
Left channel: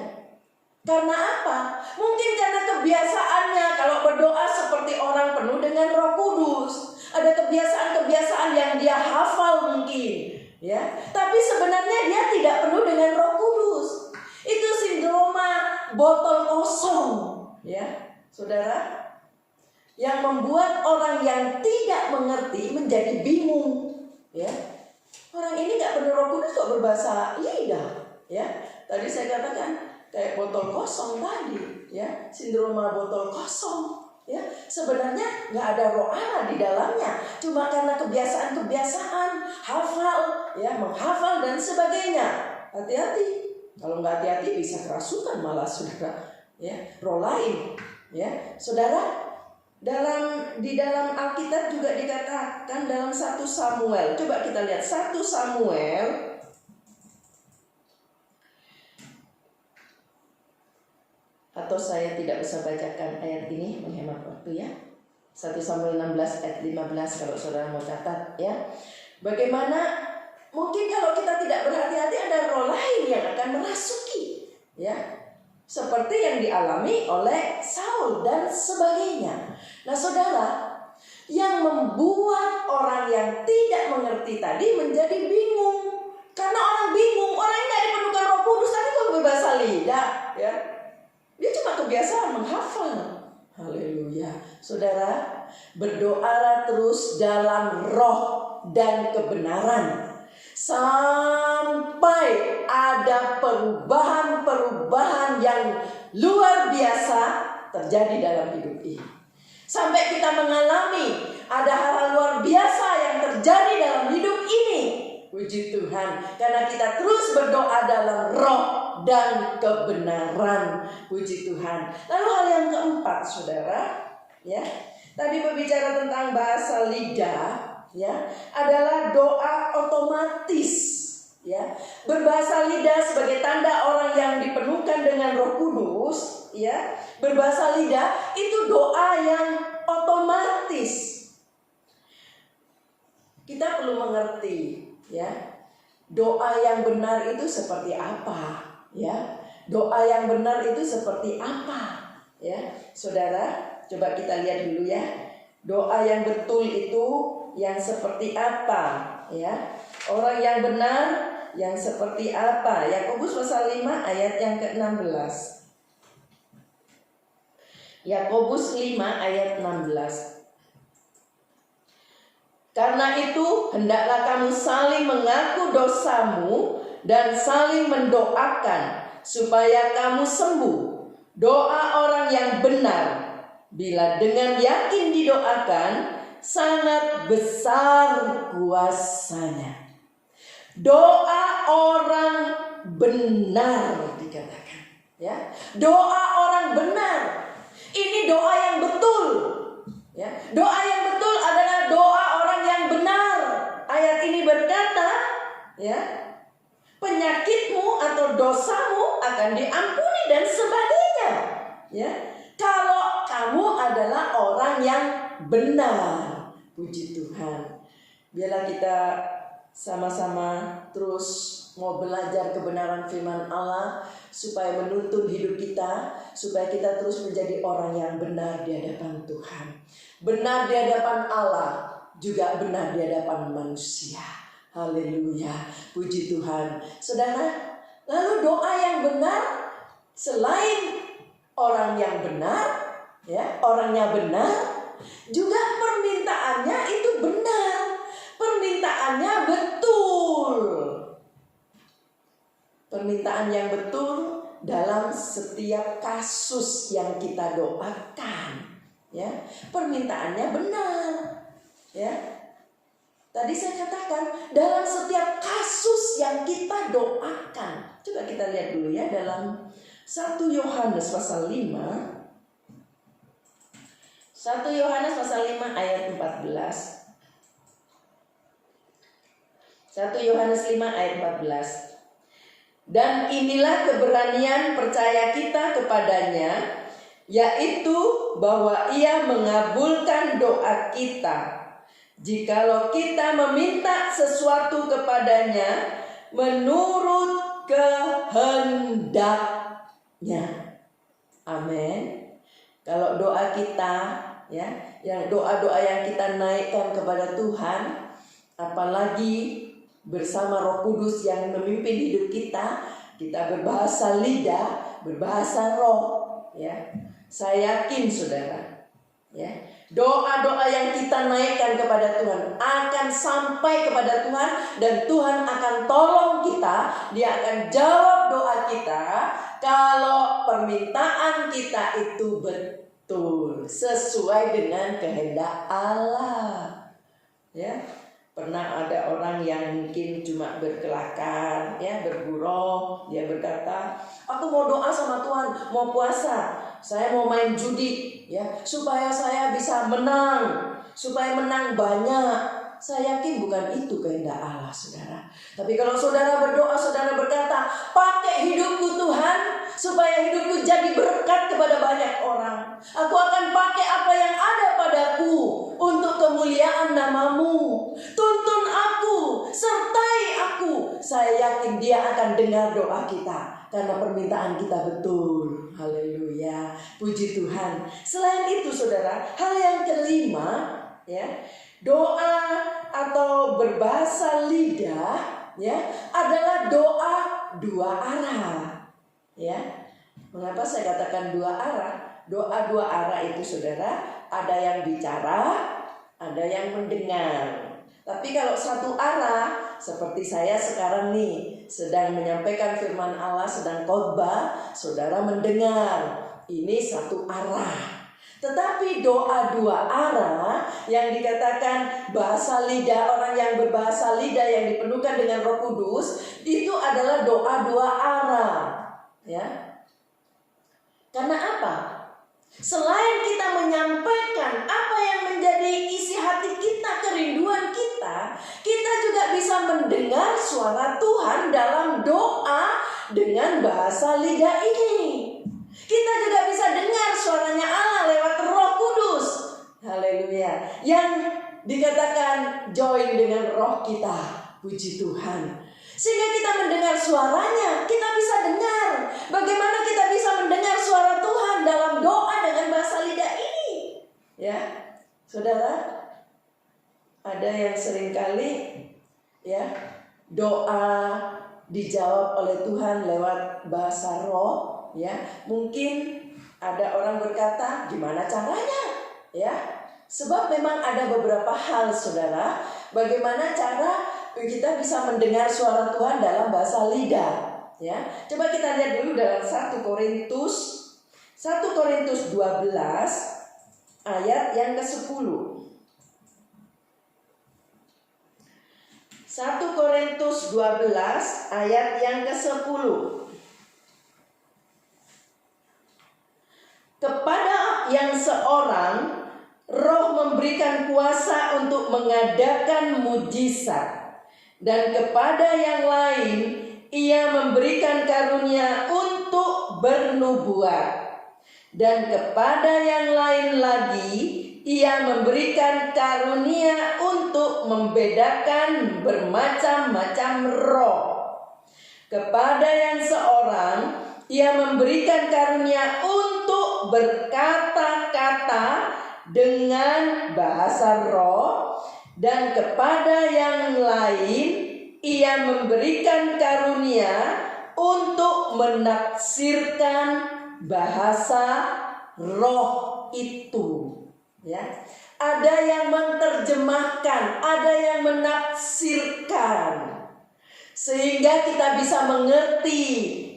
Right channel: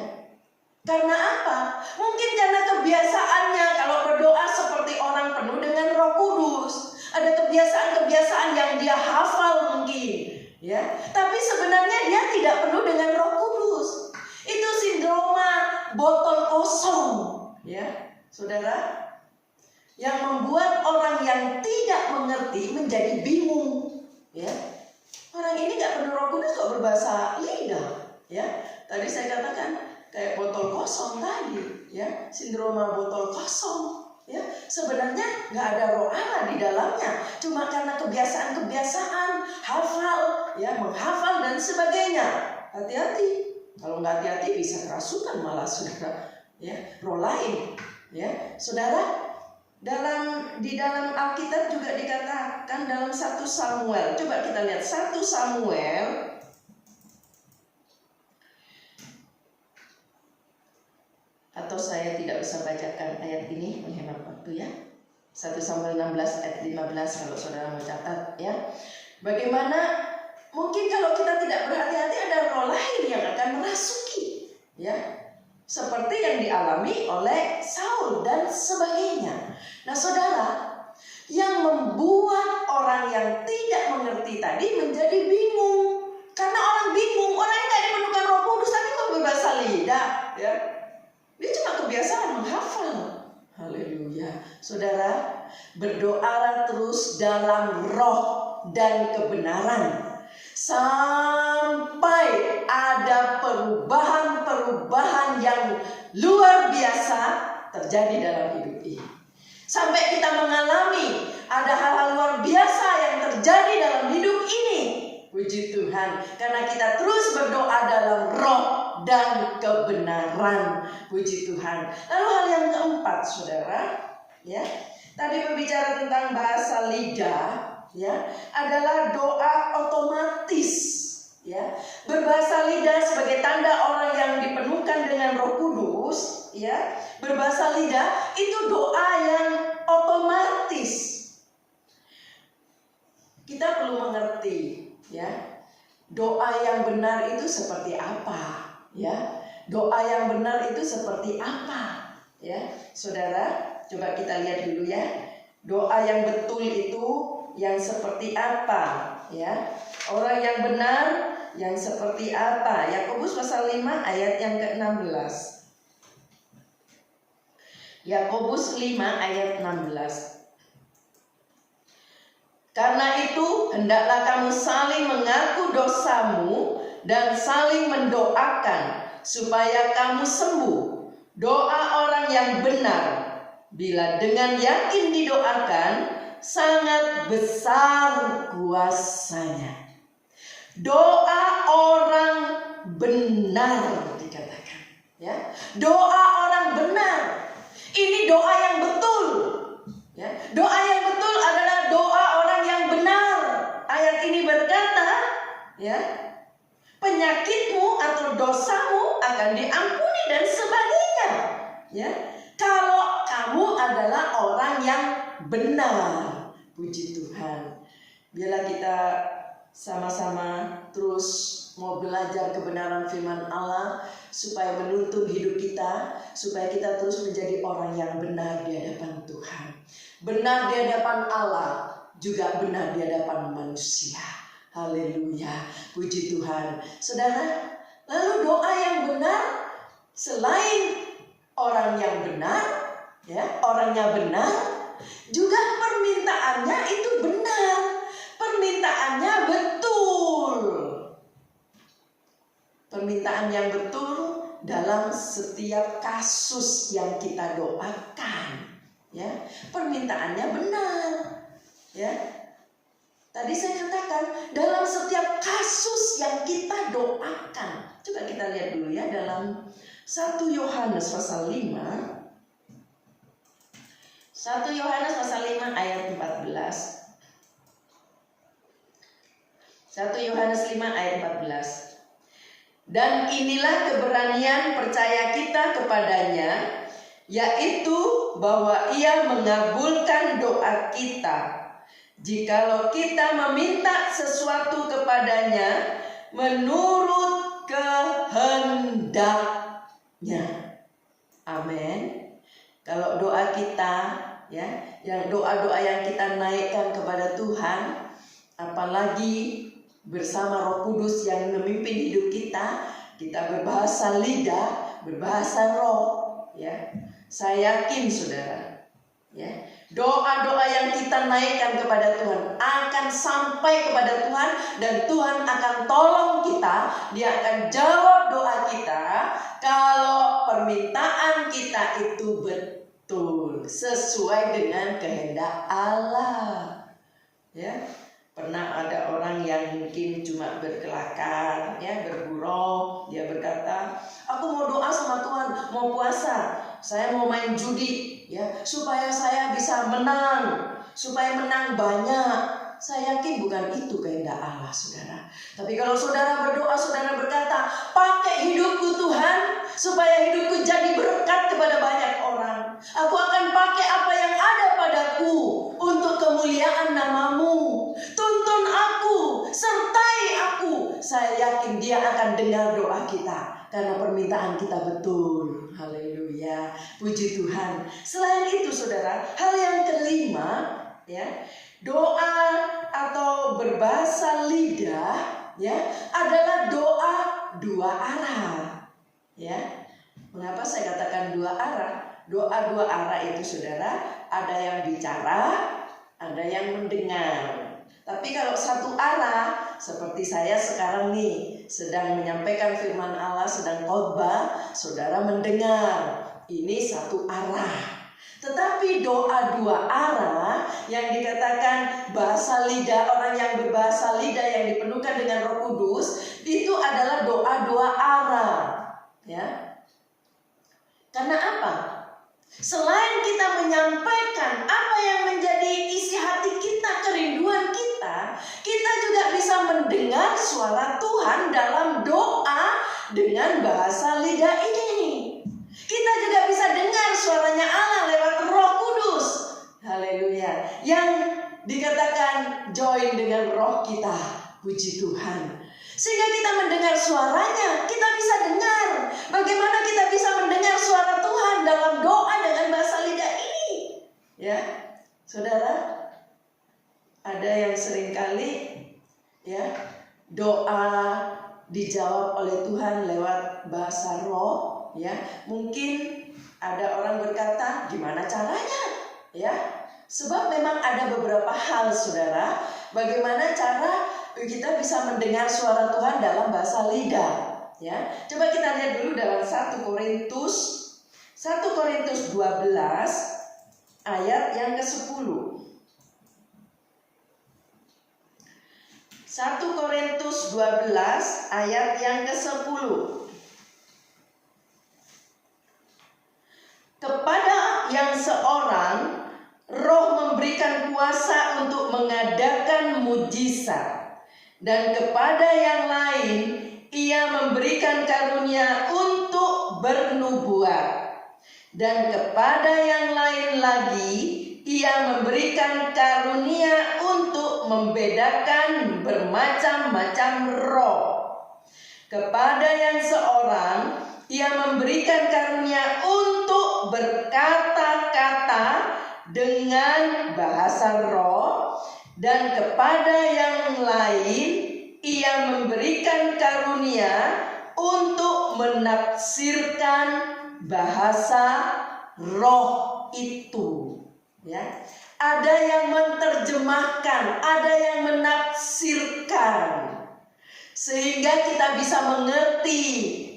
karena apa? Mungkin karena kebiasaannya kalau berdoa seperti orang penuh dengan Roh Kudus. Ada kebiasaan-kebiasaan yang dia hafal mungkin, ya. Tapi sebenarnya dia tidak penuh dengan Roh Kudus. Itu sindroma botol kosong, ya, saudara. Yang membuat orang yang tidak mengerti menjadi bingung, ya. Orang ini nggak penuh Roh Kudus kok berbahasa lidah, ya. Tadi saya katakan kayak botol kosong tadi, ya, sindroma botol kosong, ya. Sebenarnya nggak ada Roh Allah di dalamnya, cuma karena kebiasaan-kebiasaan hafal, ya, menghafal dan sebagainya. Hati-hati, kalau nggak hati-hati bisa kerasukan malah, saudara, ya, roh lain, ya, saudara. Di dalam Alkitab juga dikatakan dalam 1 Samuel. Coba kita lihat 1 Samuel atau saya tidak usah bacakan ayat ini menghemat waktu, ya. 1 Samuel 16 ayat 15 kalau saudara mau catat, ya. Bagaimana mungkin kalau kita tidak berhati-hati ada roh lain yang akan merasuki, ya. Seperti yang dialami oleh Saul dan sebagainya. Nah, saudara, yang membuat orang yang tidak mengerti tadi menjadi bingung. Karena orang bingung, orang yang tidak dipenuhkan Roh Kudus tadi kok berbahasa lidah, ya. Dia cuma kebiasaan menghafal. Haleluya. Saudara, berdoalah terus dalam roh dan kebenaran sampai ada perubahan-perubahan yang luar biasa terjadi dalam hidup ini. Sampai kita mengalami ada hal-hal luar biasa yang terjadi dalam hidup ini. Puji Tuhan, karena kita terus berdoa dalam roh dan kebenaran. Puji Tuhan. Lalu hal yang keempat, saudara, ya, tadi berbicara tentang bahasa lidah, ya, adalah doa otomatis, ya. Berbahasa lidah sebagai tanda orang yang dipenuhkan dengan Roh Kudus, ya. Berbahasa lidah itu doa yang otomatis. Kita perlu mengerti, ya, doa yang benar itu seperti apa, ya. Doa yang benar itu seperti apa, Ya, saudara, coba kita lihat dulu ya. Doa yang betul itu yang seperti apa? Ya, orang yang benar yang seperti apa? Yakobus pasal 5 ayat yang ke-16. Yakobus 5 ayat 16. Karena itu hendaklah kamu saling mengaku dosamu dan saling mendoakan supaya kamu sembuh. Doa orang yang benar bila dengan yakin didoakan sangat besar kuasanya. Doa orang benar dikatakan, ya. Doa orang benar. Ini doa yang betul, ya. Doa yang betul adalah doa orang yang benar. Ayat ini berkata, ya, penyakitmu atau dosamu akan diampuni dan sebagainya, ya. Kalau kamu adalah orang yang benar, puji Tuhan. Biarlah kita sama-sama terus mau belajar kebenaran firman Allah supaya menuntun hidup kita, supaya kita terus menjadi orang yang benar di hadapan Tuhan. Benar di hadapan Allah, juga benar di hadapan manusia. Haleluya, puji Tuhan. Saudara, lalu doa yang benar selain orang yang benar, ya, orangnya benar, juga permintaannya itu benar. Permintaannya betul. Permintaan yang betul dalam setiap kasus yang kita doakan, ya. Permintaannya benar, ya. Tadi saya katakan dalam setiap kasus yang kita doakan. Coba kita lihat dulu ya dalam 1 Yohanes pasal 5. 1 Yohanes pasal 5 ayat 14. 1 Yohanes 5 ayat 14. Dan inilah keberanian percaya kita kepadanya, yaitu bahwa Ia mengabulkan doa kita jikalau kita meminta sesuatu kepadanya menurut kehendaknya. Amin. Kalau doa kita, ya, yang doa-doa yang kita naikkan kepada Tuhan, apalagi bersama Roh Kudus yang memimpin hidup kita, kita berbahasa lidah, berbahasa roh, ya. Saya yakin saudara, ya, doa-doa yang kita naikkan kepada Tuhan akan sampai kepada Tuhan dan Tuhan akan tolong kita. Dia akan jawab doa kita kalau permintaan kita itu betul sesuai dengan kehendak Allah, ya. Pernah ada orang yang mungkin cuma berkelakar, ya, bergurau. Dia berkata, aku mau doa sama Tuhan, mau puasa, saya mau main judi, ya, supaya saya bisa menang, supaya menang banyak. Saya yakin bukan itu kehendak Allah, saudara. Tapi kalau saudara berdoa, saudara berkata, pakai hidupku Tuhan, supaya hidupku jadi berkat kepada banyak orang. Aku akan pakai apa yang ada padaku untuk kemuliaan nama-Mu. Tuntun aku, sertai aku. Saya yakin Dia akan dengar doa kita karena permintaan kita betul. Haleluya, puji Tuhan. Selain itu saudara, hal yang kelima, ya, doa atau berbahasa lidah, ya, adalah doa dua arah, ya. Mengapa saya katakan dua arah? Doa dua arah itu saudara, ada yang bicara, ada yang mendengar. Tapi kalau satu arah, seperti saya sekarang nih, sedang menyampaikan firman Allah, sedang khotbah, saudara mendengar. Ini satu arah. Tetapi doa dua arah yang dikatakan bahasa lidah, orang yang berbahasa lidah yang dipenuhkan dengan Roh Kudus, itu adalah doa dua arah, ya. Karena apa? Selain kita menyampaikan apa yang menjadi isi hati kita, kerinduan kita, kita juga bisa mendengar suara Tuhan dalam doa dengan bahasa lidah ini. Kita juga bisa dengar suaranya Allah lewat Roh Kudus. Haleluya. Yang dikatakan join dengan roh kita. Puji Tuhan. Sehingga kita mendengar suaranya, kita bisa dengar. Bagaimana kita bisa mendengar suara Tuhan dalam doa Ya, saudara, ada yang seringkali ya doa dijawab oleh Tuhan lewat bahasa roh, ya. Mungkin ada orang berkata, gimana caranya? Ya, sebab memang ada beberapa hal, saudara, bagaimana cara kita bisa mendengar suara Tuhan dalam bahasa lidah. Ya, coba kita lihat dulu dalam 1 Korintus 12 ayat yang ke-10. 1 Korintus 12 ayat yang ke-10. Kepada yang seorang Roh memberikan kuasa untuk mengadakan mujizat, dan kepada yang lain Ia memberikan karunia untuk bernubuat, dan kepada yang lain lagi Ia memberikan karunia untuk membedakan bermacam-macam roh. Kepada yang seorang Ia memberikan karunia untuk berkata-kata dengan bahasa roh, dan kepada yang lain Ia memberikan karunia untuk menafsirkan bahasa roh itu. Ya, ada yang menerjemahkan, ada yang menafsirkan, sehingga kita bisa mengerti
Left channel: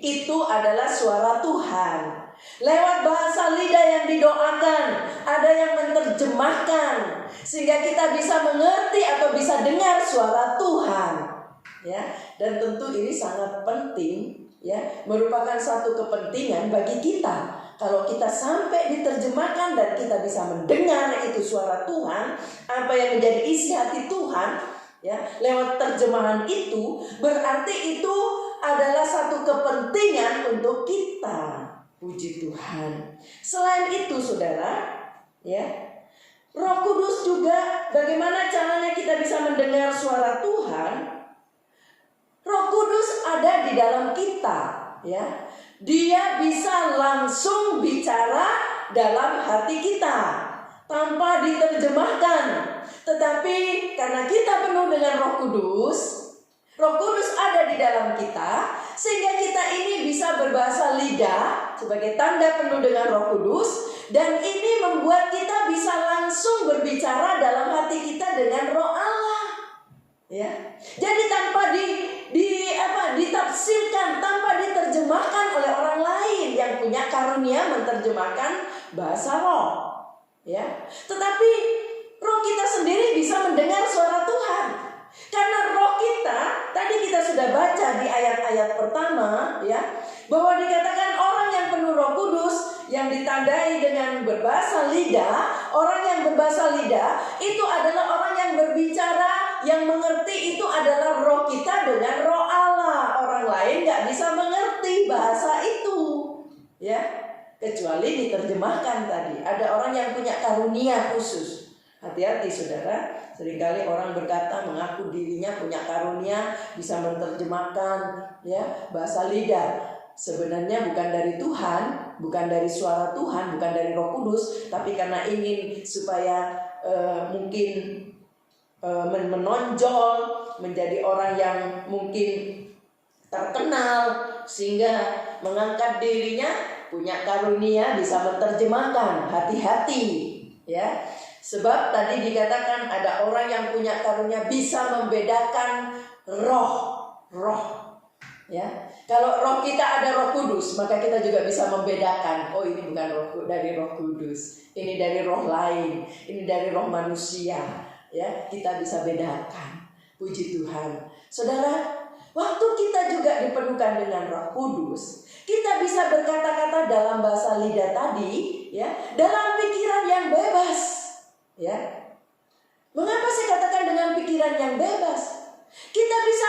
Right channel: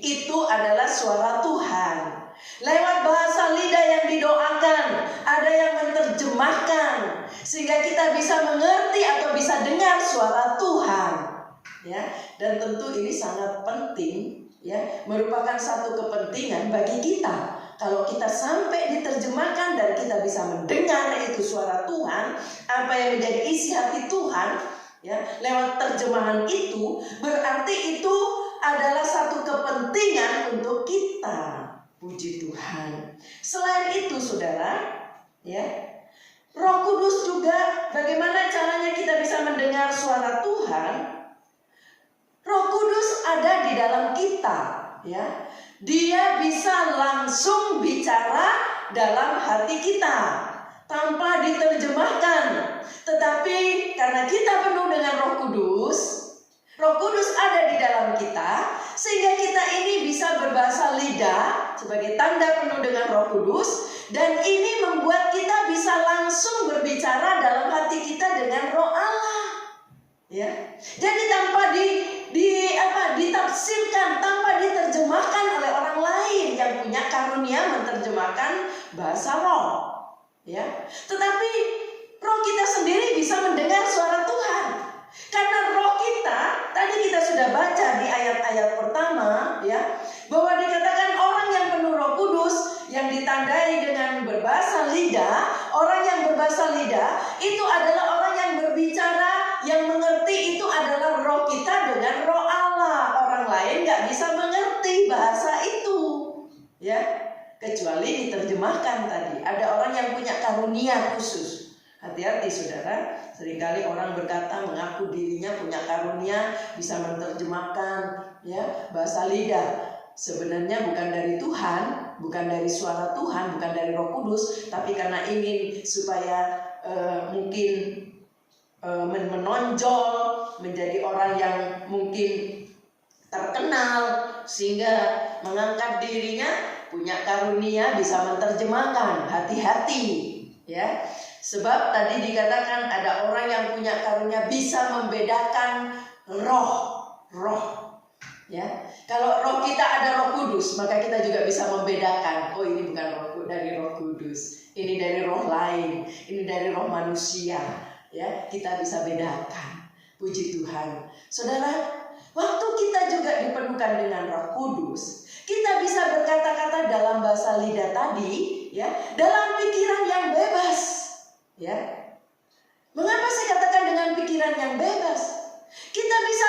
itu adalah suara Tuhan. Lewat bahasa lidah yang didoakan, ada yang menerjemahkan, sehingga kita bisa mengerti atau bisa dengar suara Tuhan. Ya, dan tentu ini sangat penting, ya, merupakan satu kepentingan bagi kita. Kalau kita sampai diterjemahkan dan kita bisa mendengar itu suara Tuhan, apa yang menjadi isi hati Tuhan, ya, lewat terjemahan itu, berarti itu adalah satu kepentingan untuk kita. Puji Tuhan. Selain itu, saudara, ya, Roh Kudus juga, bagaimana caranya kita bisa mendengar suara Tuhan? Roh Kudus ada di dalam kita, ya. Dia bisa langsung bicara dalam hati kita tanpa diterjemahkan. Tetapi karena kita penuh dengan Roh Kudus ada di dalam kita, sehingga kita ini bisa berbahasa lidah sebagai tanda penuh dengan Roh Kudus, dan ini membuat kita bisa langsung berbicara dalam hati kita dengan Roh Allah. Ya. Jadi tanpa ditafsirkan, tanpa diterjemahkan oleh orang lain yang punya karunia menerjemahkan bahasa roh. Ya. Tetapi roh kita sendiri bisa mendengar suara Tuhan. Karena roh kita, tadi kita sudah baca di ayat-ayat pertama, ya, bahwa dikatakan orang yang penuh Roh Kudus yang ditandai dengan berbahasa lidah, orang yang berbahasa lidah itu adalah orang yang berbicara, yang mengerti itu adalah roh kita dengan roh Allah. Orang lain gak bisa mengerti bahasa itu, ya, kecuali diterjemahkan tadi. Ada orang yang punya karunia khusus. Hati-hati, saudara. Seringkali orang berkata mengaku dirinya punya karunia bisa menerjemahkan, ya, bahasa lidah. Sebenarnya bukan dari Tuhan, bukan dari suara Tuhan, bukan dari Roh Kudus, tapi karena ingin supaya mungkin menonjol menjadi orang yang mungkin terkenal, sehingga mengangkat dirinya punya karunia bisa menerjemahkan. Hati-hati, ya. Sebab tadi dikatakan ada orang yang punya karunia bisa membedakan roh. Ya, kalau roh kita ada Roh Kudus, maka kita juga bisa membedakan. Oh, ini bukan roh dari Roh Kudus, ini dari roh lain, ini dari roh manusia. Ya, kita bisa bedakan. Puji Tuhan, saudara. Waktu kita juga dipenuhkan dengan Roh Kudus, kita bisa berkata-kata dalam bahasa lidah tadi, ya, dalam pikiran yang bebas. Ya, mengapa saya katakan dengan pikiran yang bebas? Kita bisa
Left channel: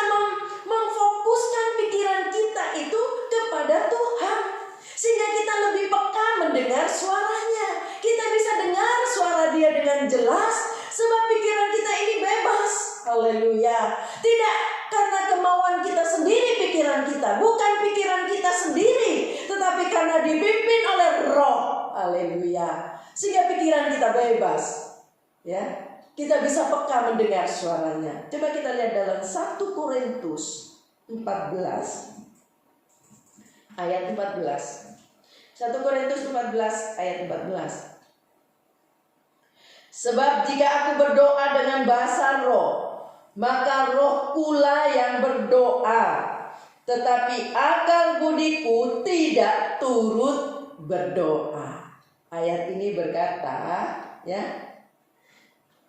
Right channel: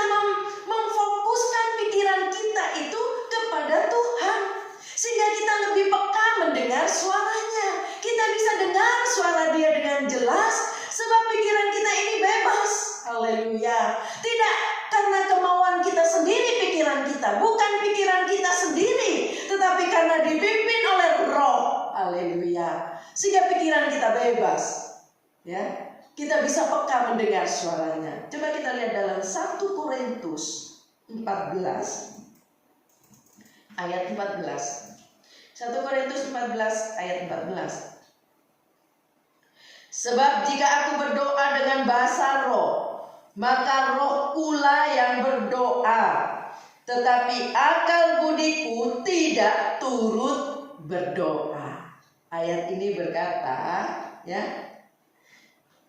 memfokuskan pikiran kita itu kepada Tuhan, sehingga kita lebih peka mendengar suaranya. Kita bisa dengar suara Dia dengan jelas, sebab pikiran kita ini bebas. Haleluya. Tidak karena kemauan kita sendiri pikiran kita, bukan pikiran kita sendiri, tetapi karena dipimpin oleh Roh. Haleluya. Sehingga pikiran kita bebas. ya, kita bisa peka mendengar suaranya. Coba kita lihat dalam 1 Korintus 14 ayat 14. 1 Korintus 14 ayat 14. Sebab jika aku berdoa dengan bahasa roh, maka roh pula yang berdoa, tetapi akal budiku tidak turut berdoa. Ayat ini berkata, ya,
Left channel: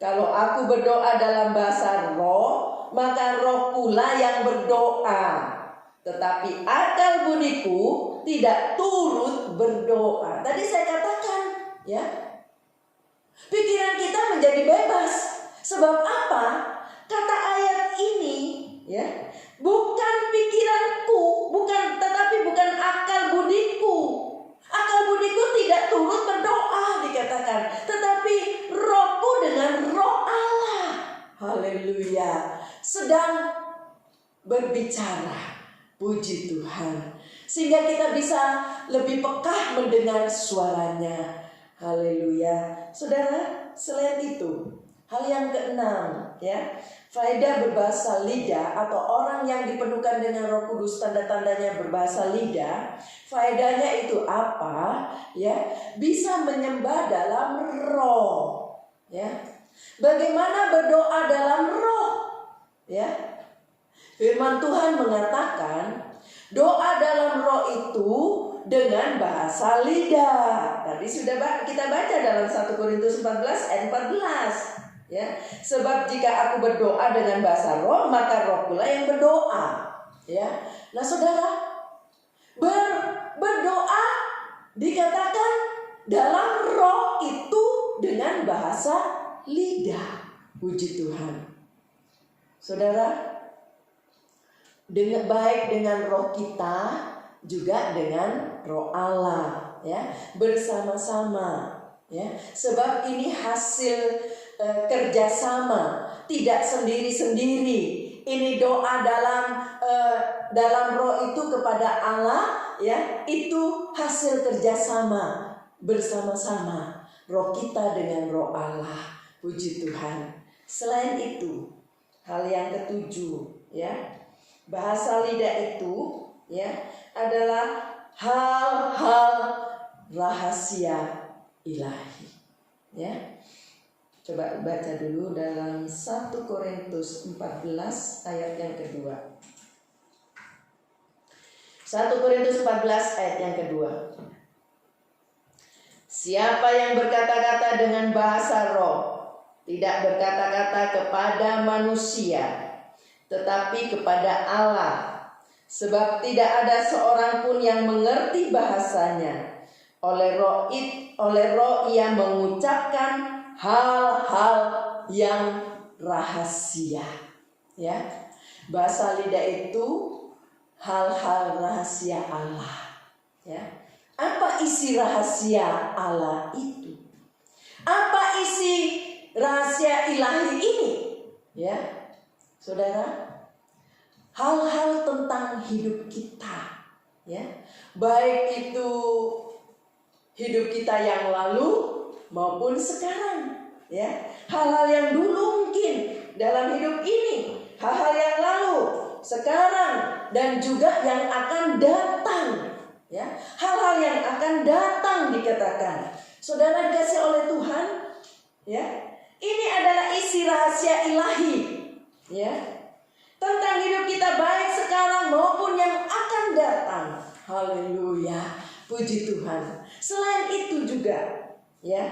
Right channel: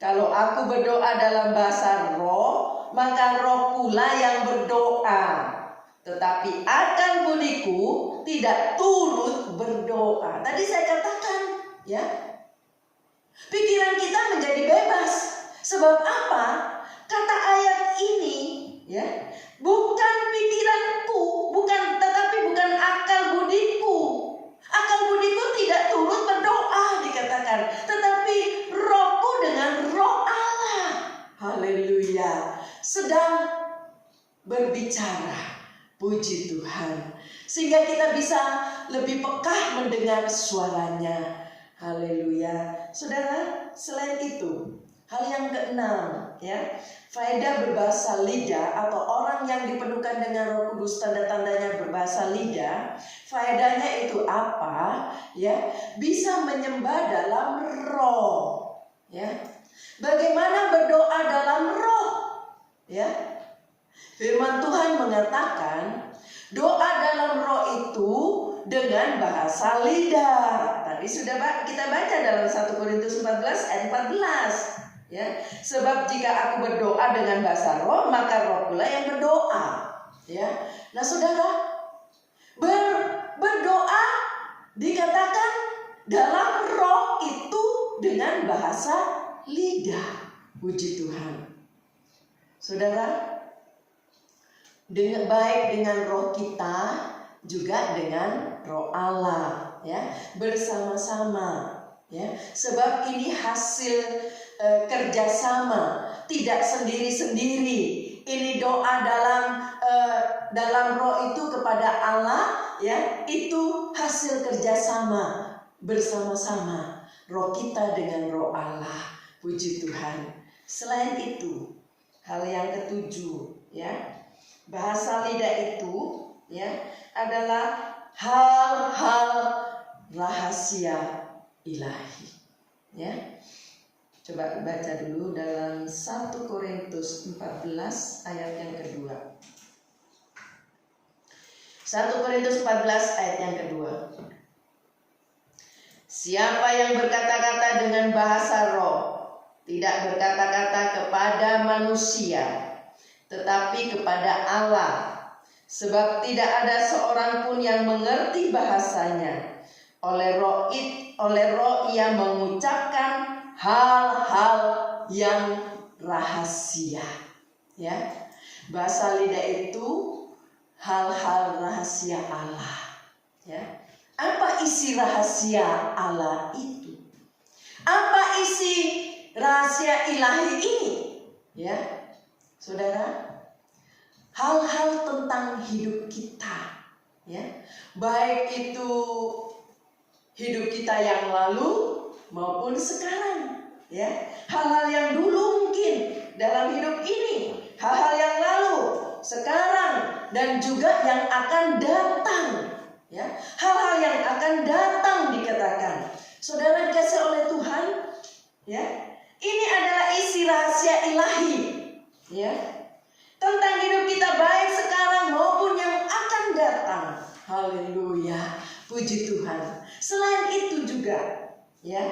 kalau aku berdoa dalam bahasa roh, maka roh pula yang berdoa, tetapi akal budiku tidak turut berdoa. Tadi saya katakan, ya, pikiran kita menjadi bebas. Sebab apa? Kata ayat ini, ya, bukan pikiranku, tetapi bukan akal budiku. Akal budiku tidak turut berdoa dikatakan, tetapi rohku dengan roh Allah, haleluya, sedang berbicara. Puji Tuhan. Sehingga kita bisa lebih peka mendengar suaranya. Haleluya. Saudara, selain itu, hal yang keenam, ya, faedah berbahasa lidah atau orang yang dipenuhkan dengan Roh Kudus, tanda-tandanya berbahasa lidah. Faedahnya itu apa? Ya, bisa menyembah dalam roh. Ya. Bagaimana berdoa dalam roh? Ya. Firman Tuhan mengatakan, doa dalam roh itu dengan bahasa lidah. Tadi sudah kita baca dalam 1 Korintus 14 ayat 14. Ya, sebab jika aku berdoa dengan bahasa roh, maka roh pula yang berdoa. Ya, nah saudara, berdoa dikatakan dalam roh itu dengan bahasa lidah. Puji Tuhan. Saudara, dengan baik dengan roh kita, juga dengan roh Allah, ya, bersama-sama, ya. Sebab ini hasil kerjasama, tidak sendiri-sendiri. Ini doa dalam roh itu kepada Allah, ya, itu hasil kerjasama bersama-sama, roh kita dengan roh Allah. Puji Tuhan. Selain itu, hal yang ketujuh, ya, bahasa lidah itu, ya, adalah hal-hal rahasia ilahi. Ya. Coba baca dulu dalam 1 Korintus 14 ayat yang kedua. 1 Korintus 14 ayat yang kedua. Siapa yang berkata-kata dengan bahasa roh, tidak berkata-kata kepada manusia, tetapi kepada Allah, sebab tidak ada seorang pun yang mengerti bahasanya. Oleh roh ia mengucapkan hal-hal yang rahasia. Ya, bahasa lidah itu hal-hal rahasia Allah. Ya, apa isi rahasia Allah itu? Apa isi rahasia ilahi ini? Ya, saudara, hal-hal tentang hidup kita, ya, baik itu hidup kita yang lalu maupun sekarang, ya, hal-hal yang dulu mungkin dalam hidup ini, hal-hal yang lalu, sekarang, dan juga yang akan datang, ya, hal-hal yang akan datang dikatakan. Saudara dikasih oleh Tuhan, ya, ini adalah isi rahasia ilahi, ya, tentang hidup kita baik sekarang maupun yang akan datang. Haleluya, puji Tuhan. Selain itu juga, ya,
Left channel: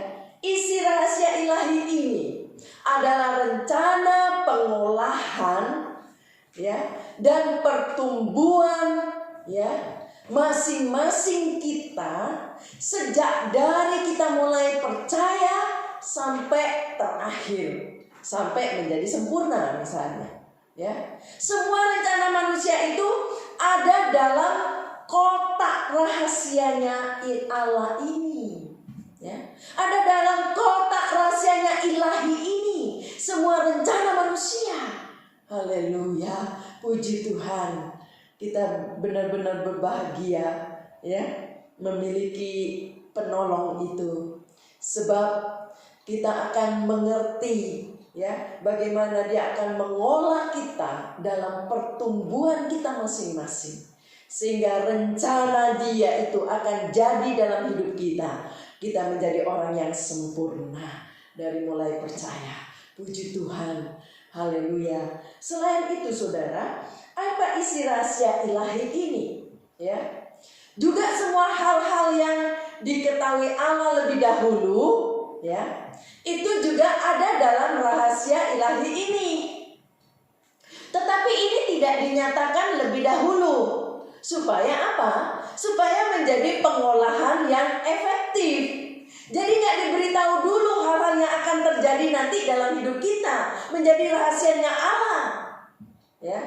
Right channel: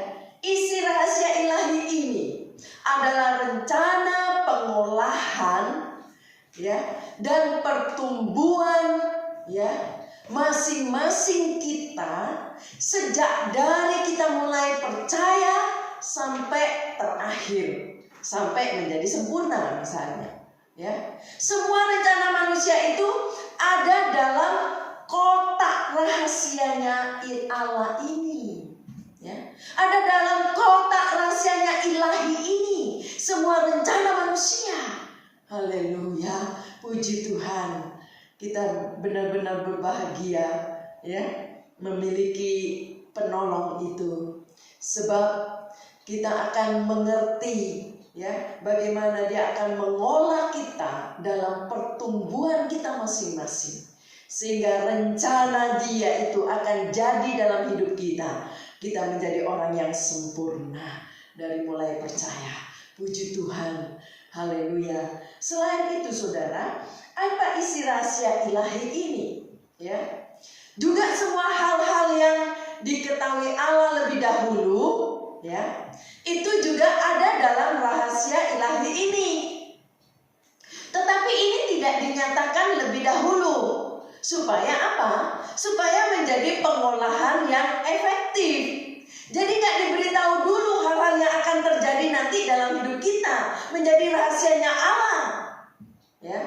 isi rahasia ilahi ini adalah rencana pengolahan, ya, dan pertumbuhan, ya, masing-masing kita sejak dari kita mulai percaya sampai terakhir, sampai menjadi sempurna misalnya. Ya, semua rencana manusia itu ada dalam kotak rahasianya Allah ini. Ya, ada dalam kotak rahasianya ilahi ini. Semua rencana manusia. Haleluya, puji Tuhan. Kita benar-benar berbahagia, ya, memiliki penolong itu. Sebab kita akan mengerti ya bagaimana dia akan mengolah kita dalam pertumbuhan kita masing-masing, sehingga rencana dia itu akan jadi dalam hidup kita. Kita menjadi orang yang sempurna dari mulai percaya. Puji Tuhan, haleluya. Selain itu saudara, apa isi rahasia ilahi ini? Ya, juga semua hal-hal yang diketahui Allah lebih dahulu, ya, itu juga ada dalam rahasia ilahi ini. Tetapi ini tidak dinyatakan lebih dahulu. Supaya apa? Supaya menjadi pengolahan yang efektif. Jadi nggak diberitahu dulu hal-hal yang akan terjadi nanti dalam hidup kita, menjadi rahasianya Allah. Ya,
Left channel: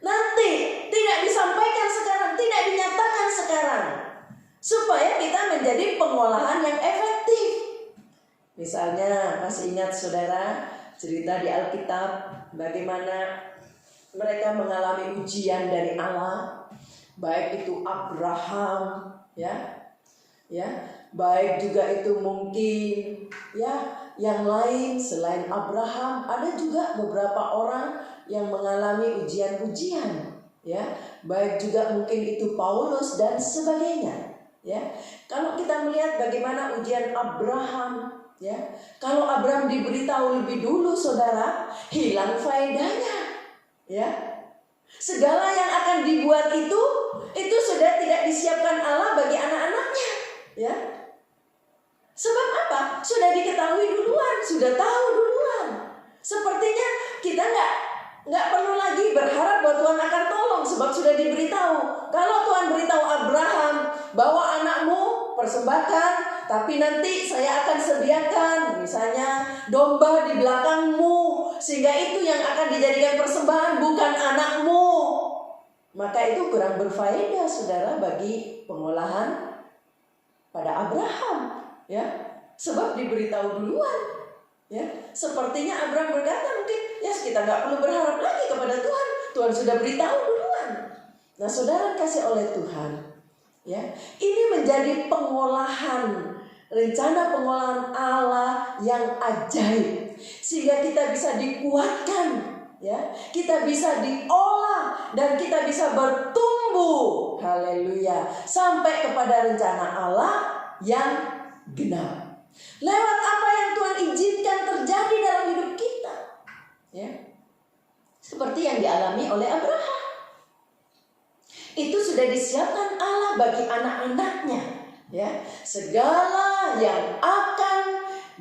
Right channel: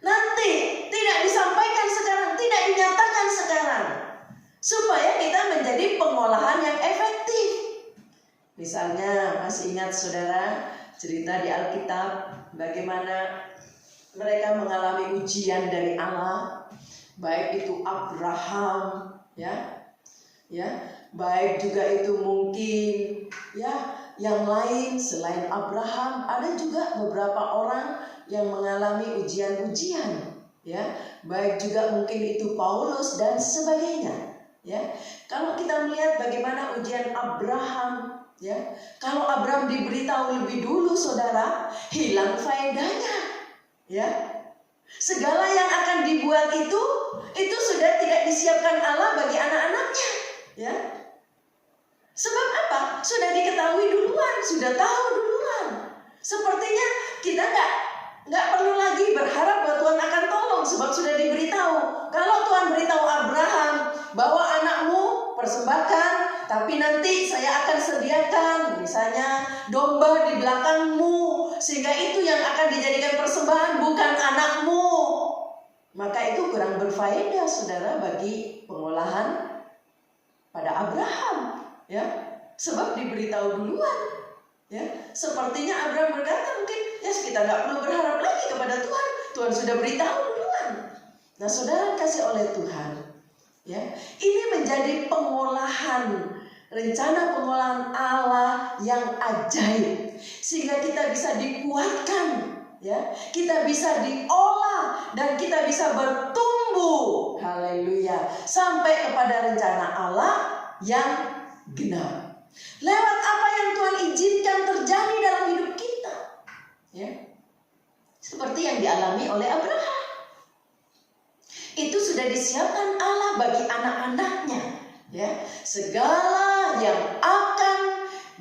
nanti tidak disampaikan sekarang, tidak dinyatakan sekarang, supaya kita menjadi pengolahan yang efektif. Misalnya, masih ingat saudara cerita di Alkitab bagaimana mereka mengalami ujian dari Allah, baik itu Abraham, ya, baik juga itu mungkin ya yang lain selain Abraham. Ada juga beberapa orang yang mengalami ujian-ujian, ya, baik juga mungkin itu Paulus dan sebagainya, ya. Kalau kita melihat bagaimana ujian Abraham, ya, kalau Abraham diberitahu lebih dulu saudara, hilang faedahnya, ya. Segala yang akan dibuat itu sudah tidak disiapkan Allah bagi anak-anaknya, ya. Sebab apa? Sudah diketahui duluan, sudah tahu duluan. Sepertinya kita nggak perlu lagi berharap bahwa Tuhan akan tolong, sebab sudah diberitahu. Kalau Tuhan beritahu Abraham bahwa anakmu persembahkan, tapi nanti saya akan sediakan misalnya domba di belakangmu, sehingga itu yang akan dijadikan persembahan, bukan anakmu. Maka itu kurang berfaedah saudara bagi pengolahan pada Abraham, ya, sebab diberitahu duluan, ya. Sepertinya Abraham berkata mungkin, ya kita nggak perlu berharap lagi kepada Tuhan, Tuhan sudah beritahu duluan. Nah saudara kasih oleh Tuhan, ya, ini menjadi pengolahan, rencana pengolahan Allah yang ajaib, sehingga kita bisa dikuatkan, ya, kita bisa diolah dan kita bisa bertumbuh, haleluya, sampai kepada rencana Allah yang genap. Lewat apa yang Tuhan izinkan terjadi dalam hidup kita, ya, seperti yang dialami oleh Abraham. Itu sudah disiapkan Allah bagi anak-anaknya, ya, segala yang akan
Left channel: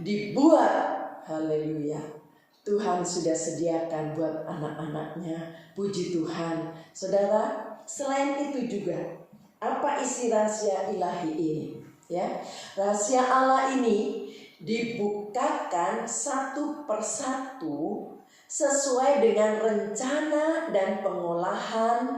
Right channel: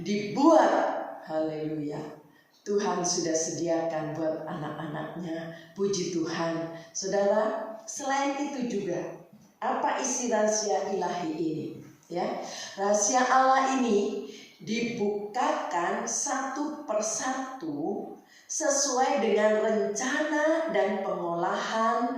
dibuat, haleluya, Tuhan sudah sediakan buat anak-anaknya. Puji Tuhan. Saudara, selain itu juga, apa isi rahasia ilahi ini? Ya, rahasia Allah ini dibukakan satu persatu sesuai dengan rencana dan pengolahan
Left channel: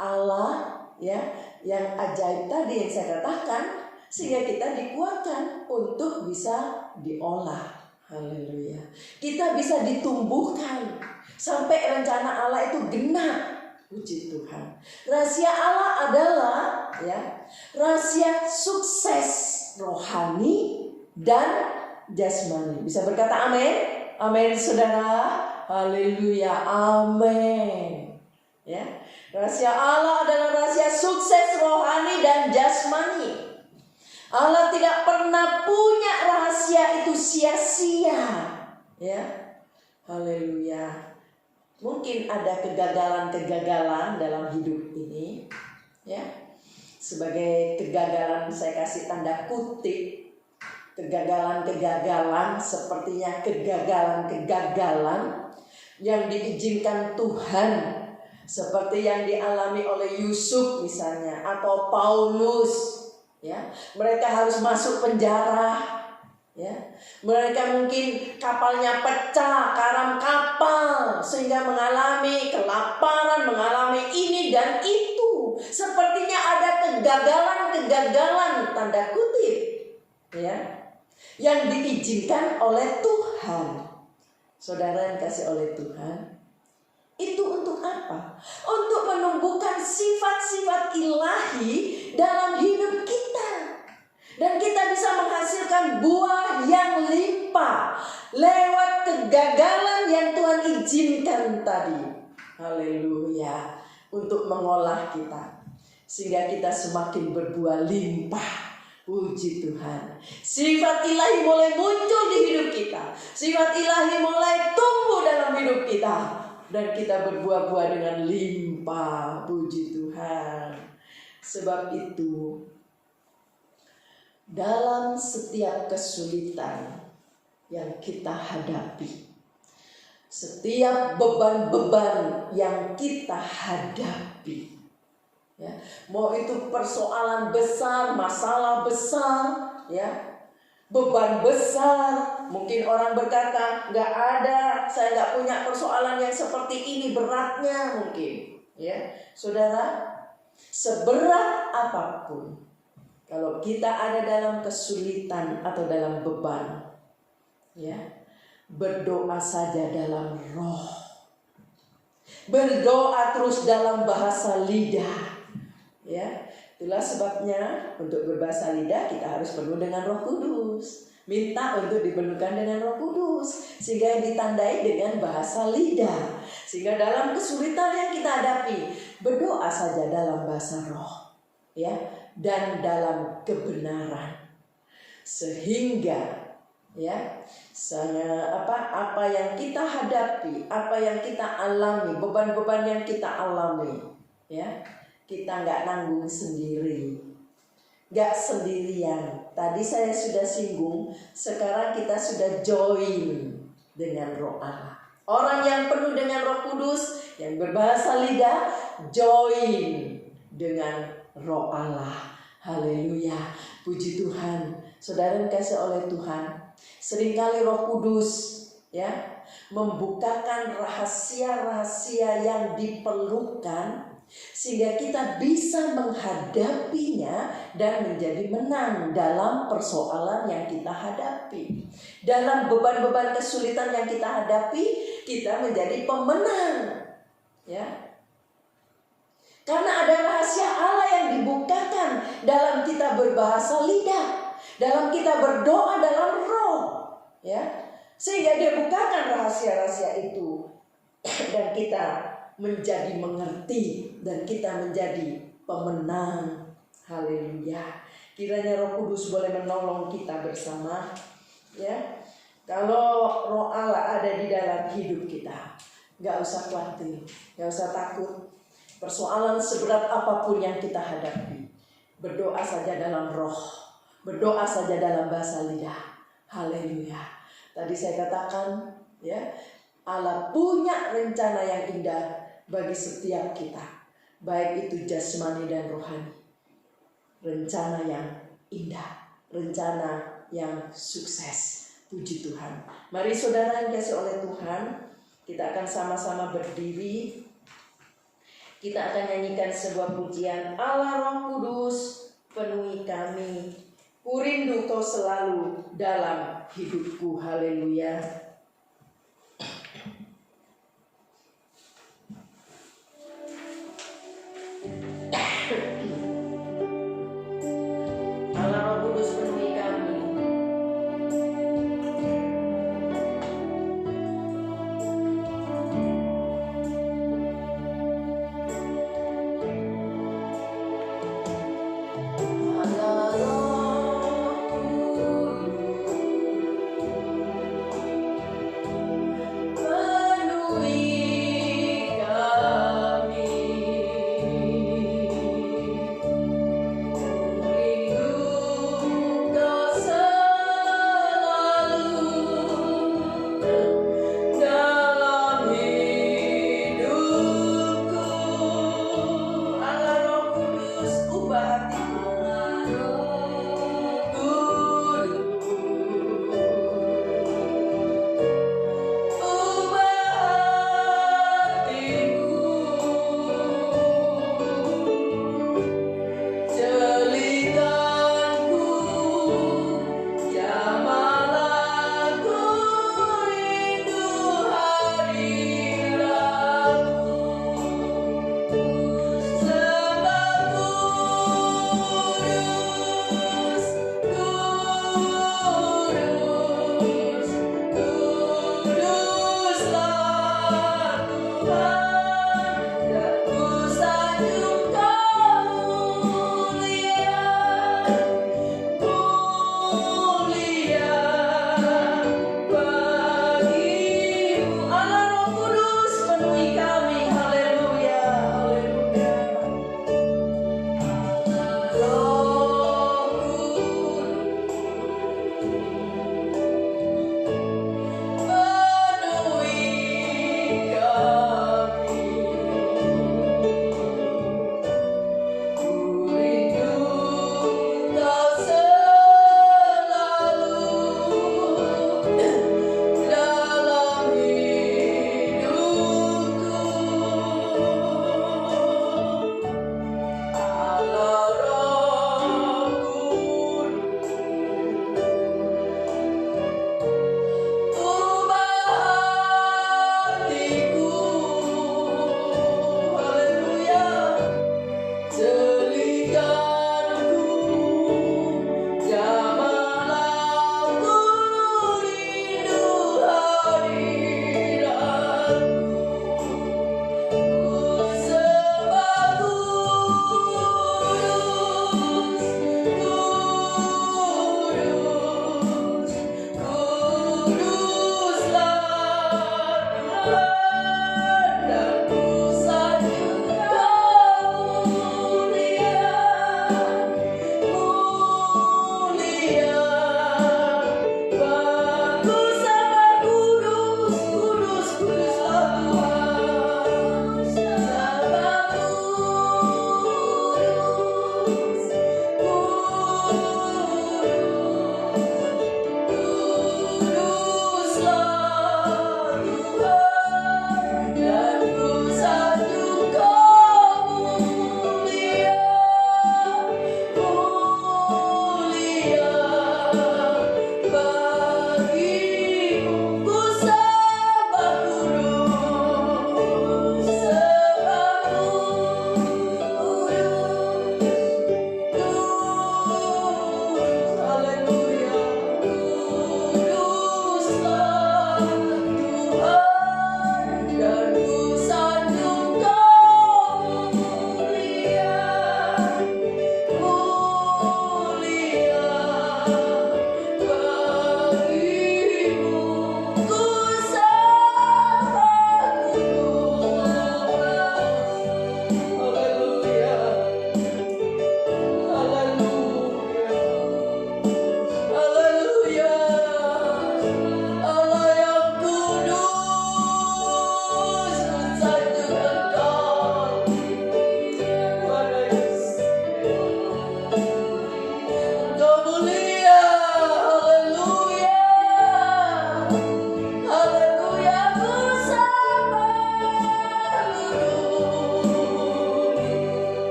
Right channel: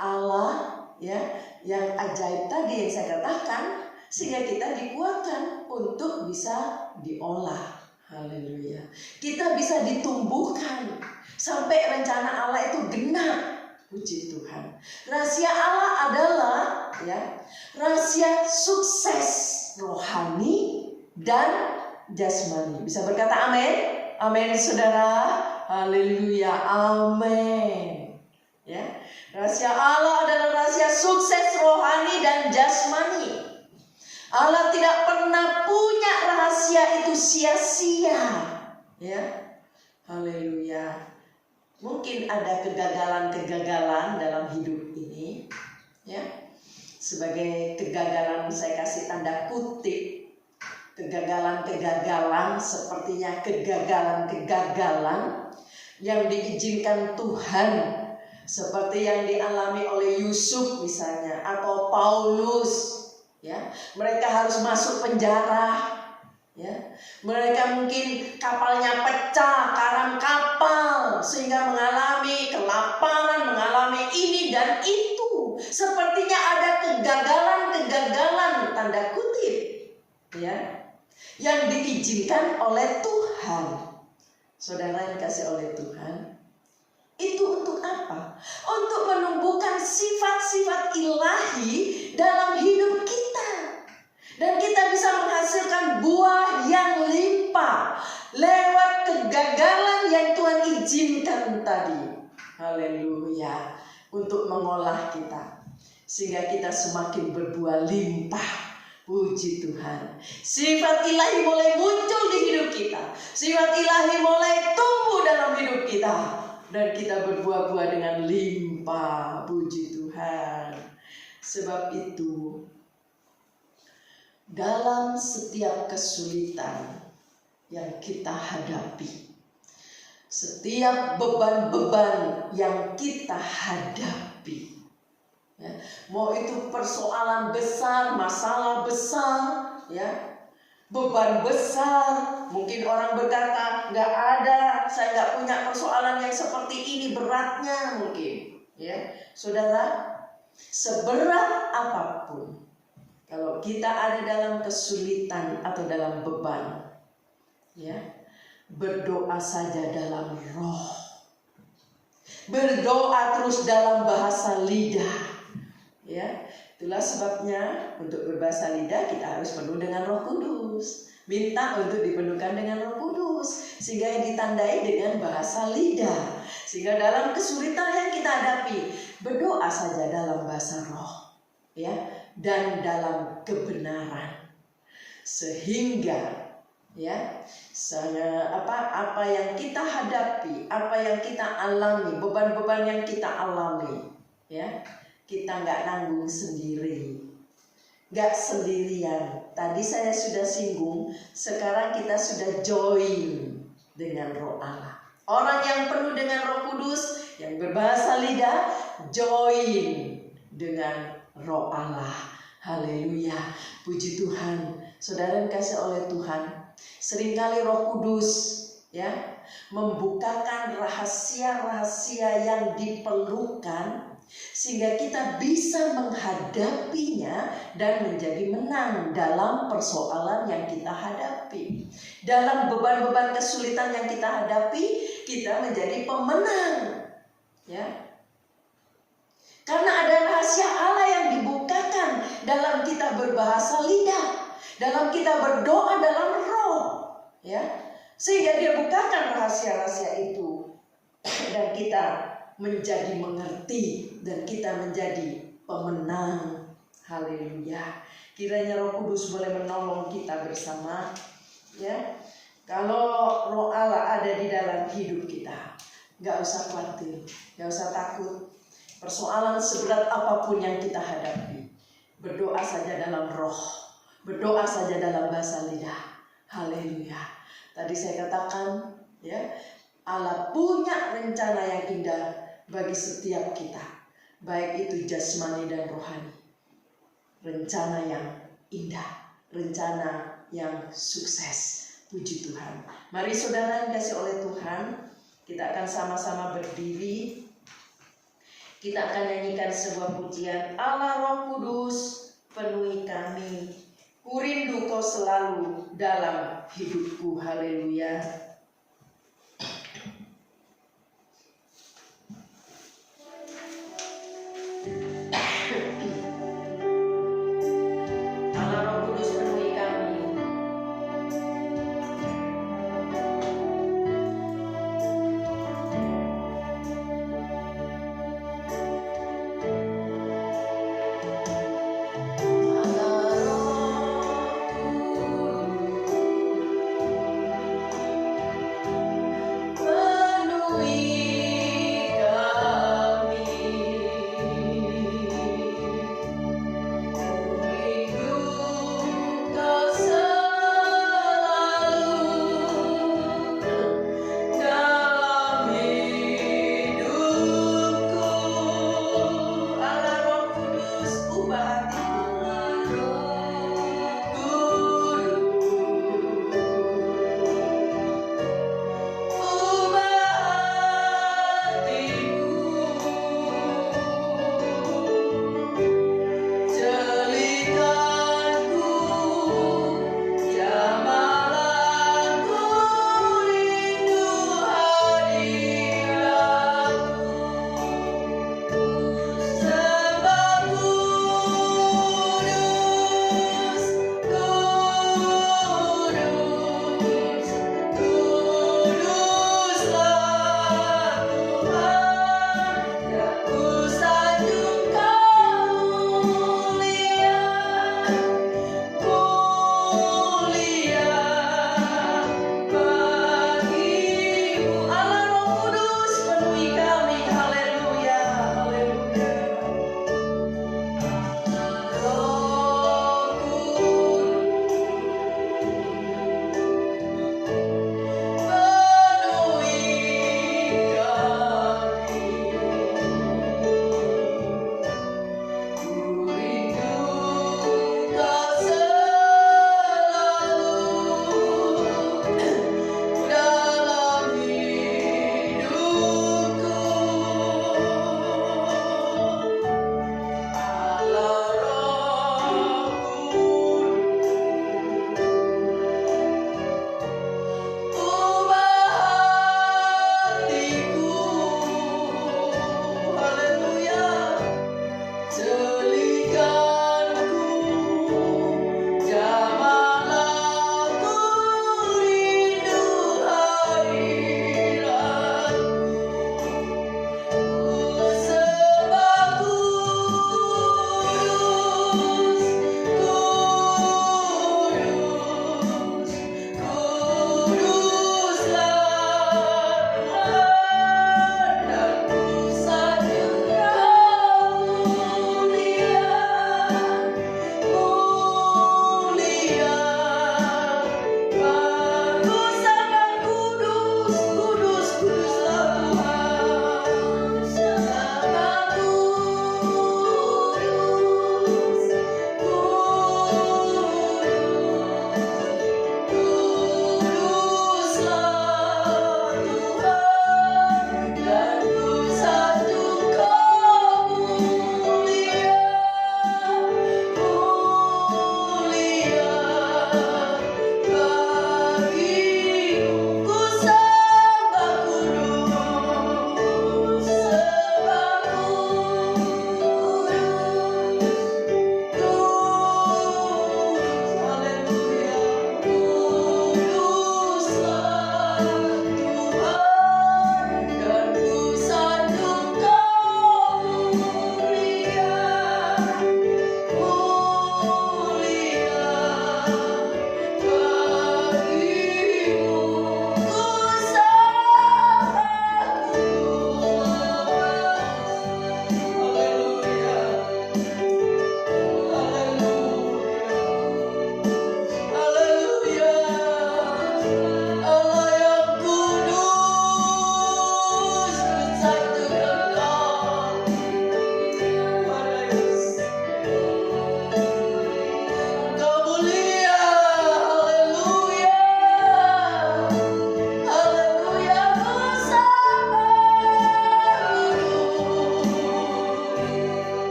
Allah, ya, yang ajaib tadi yang saya katakan, sehingga kita dikuatkan untuk bisa diolah. Haleluya. Kita bisa ditumbuhkan sampai rencana Allah itu genap. Puji Tuhan. Rahasia Allah adalah, ya, rahasia sukses rohani dan jasmani. Bisa berkata amin? Amin saudara. Haleluya. Amin. Ya. Rahasia Allah adalah rahasia sukses rohani dan jasmani. Allah tidak pernah punya rahasia itu sia-sia, ya. Haleluya. Mungkin ada kegagalan-kegagalan dalam hidup ini, ya. Sebagai kegagalan saya kasih tanda kutip, kegagalan-kegagalan sepertinya kegagalan-kegagalan yang diizinkan Tuhan, seperti yang dialami oleh Yusuf misalnya, atau Paulus. Ya, mereka harus masuk penjara, ya. Mereka mungkin kapalnya pecah, karam kapal, sehingga mengalami kelaparan, mengalami ini dan itu. Sepertinya ada kegagalan-kegagalan tanda kutip, ya, yang diizinkan oleh Tuhan. Saudara yang kasih oleh Tuhan, itu untuk apa? Untuk menumbuhkan sifat-sifat ilahi dalam hidup kita. Dan kita bisa menghasilkan buah yang limpah. berlimpah lewat kegagalan yang Tuhan izinkan tadi. Haleluya. Untuk mengolah kita sehingga kita semakin berbuah limpah. Puji Tuhan. Sifat ilahi mulai muncul di hidup kita. Sifat ilahi mulai tumbuh dalam hidup kita. Dan kita berbuah-buah dengan limpah. Puji Tuhan. Sebab itu, dalam setiap kesulitan yang kita hadapi, setiap beban-beban yang kita hadapi, ya, mau itu persoalan besar, masalah besar, ya, beban besar. Mungkin orang berkata, nggak ada, saya nggak punya persoalan yang seperti ini beratnya mungkin, ya, saudara. Seberat apapun, kalau kita ada dalam kesulitan atau dalam beban, ya, berdoa saja dalam roh, berdoa terus dalam bahasa lidah. Ya, itulah sebabnya untuk berbahasa lidah kita harus penuh dengan Roh Kudus. Minta untuk dipenuhkan dengan Roh Kudus sehingga ditandai dengan bahasa lidah. Sehingga dalam kesulitan yang kita hadapi, berdoa saja dalam bahasa roh, ya, dan dalam kebenaran. Sehingga, ya, apa yang kita hadapi, apa yang kita alami, beban-beban yang kita alami, ya, kita nggak nanggung sendiri, nggak sendirian. Tadi saya sudah singgung, sekarang kita sudah join dengan Roh Allah. Orang yang penuh dengan Roh Kudus, yang berbahasa lidah, join dengan Roh Allah. Haleluya, puji Tuhan. Saudara yang kasih oleh Tuhan, seringkali Roh Kudus, ya, membukakan rahasia-rahasia yang diperlukan sehingga kita bisa menghadapinya dan menjadi menang dalam persoalan yang kita hadapi. Dalam beban-beban kesulitan yang kita hadapi, kita menjadi pemenang, ya. Karena ada rahasia Allah yang dibukakan dalam kita berbahasa lidah, dalam kita berdoa dalam roh, ya. Sehingga dia bukakan rahasia-rahasia itu dan kita menjadi mengerti dan kita menjadi pemenang. Haleluya. Kiranya Roh Kudus boleh menolong kita bersama, ya. Kalau Roh Allah ada di dalam hidup kita, gak usah khawatir, gak usah takut. Persoalan seberat apapun yang kita hadapi, berdoa saja dalam roh, berdoa saja dalam bahasa lidah. Haleluya. Tadi saya katakan, ya, Allah punya rencana yang indah bagi setiap kita, baik itu jasmani dan rohani. Rencana yang indah, rencana yang sukses. Puji Tuhan. Mari saudara yang kasih oleh Tuhan, kita akan sama-sama berdiri. Kita akan nyanyikan sebuah pujian. Allah Roh Kudus, penuhi kami. Ku rindu Kau selalu dalam hidupku. Haleluya.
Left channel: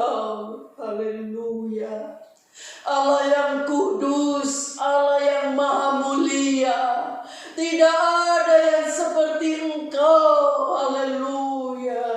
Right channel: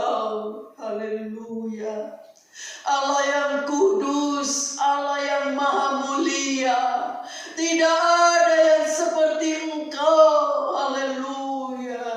Engkau. Haleluya. Allah yang kudus, Allah yang maha mulia. Tidak ada yang seperti Engkau. Haleluya.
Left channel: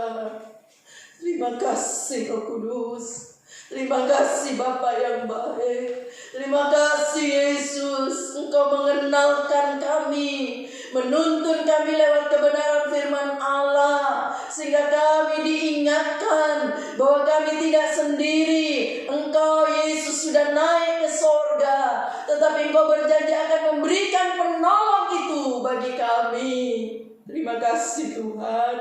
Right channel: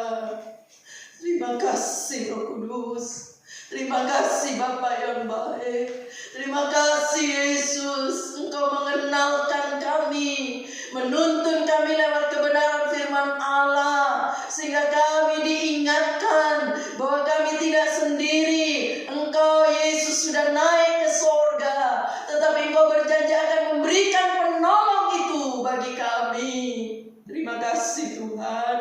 Terima kasih Roh Kudus. Terima kasih Bapa yang baik. Terima kasih Yesus. Engkau mengenalkan kami, menuntun kami lewat kebenaran firman Allah, sehingga kami diingatkan bahwa kami tidak sendiri. Engkau Yesus sudah naik ke sorga, tetapi Engkau berjanji akan memberikan penolong itu bagi kami. Terima kasih Tuhan.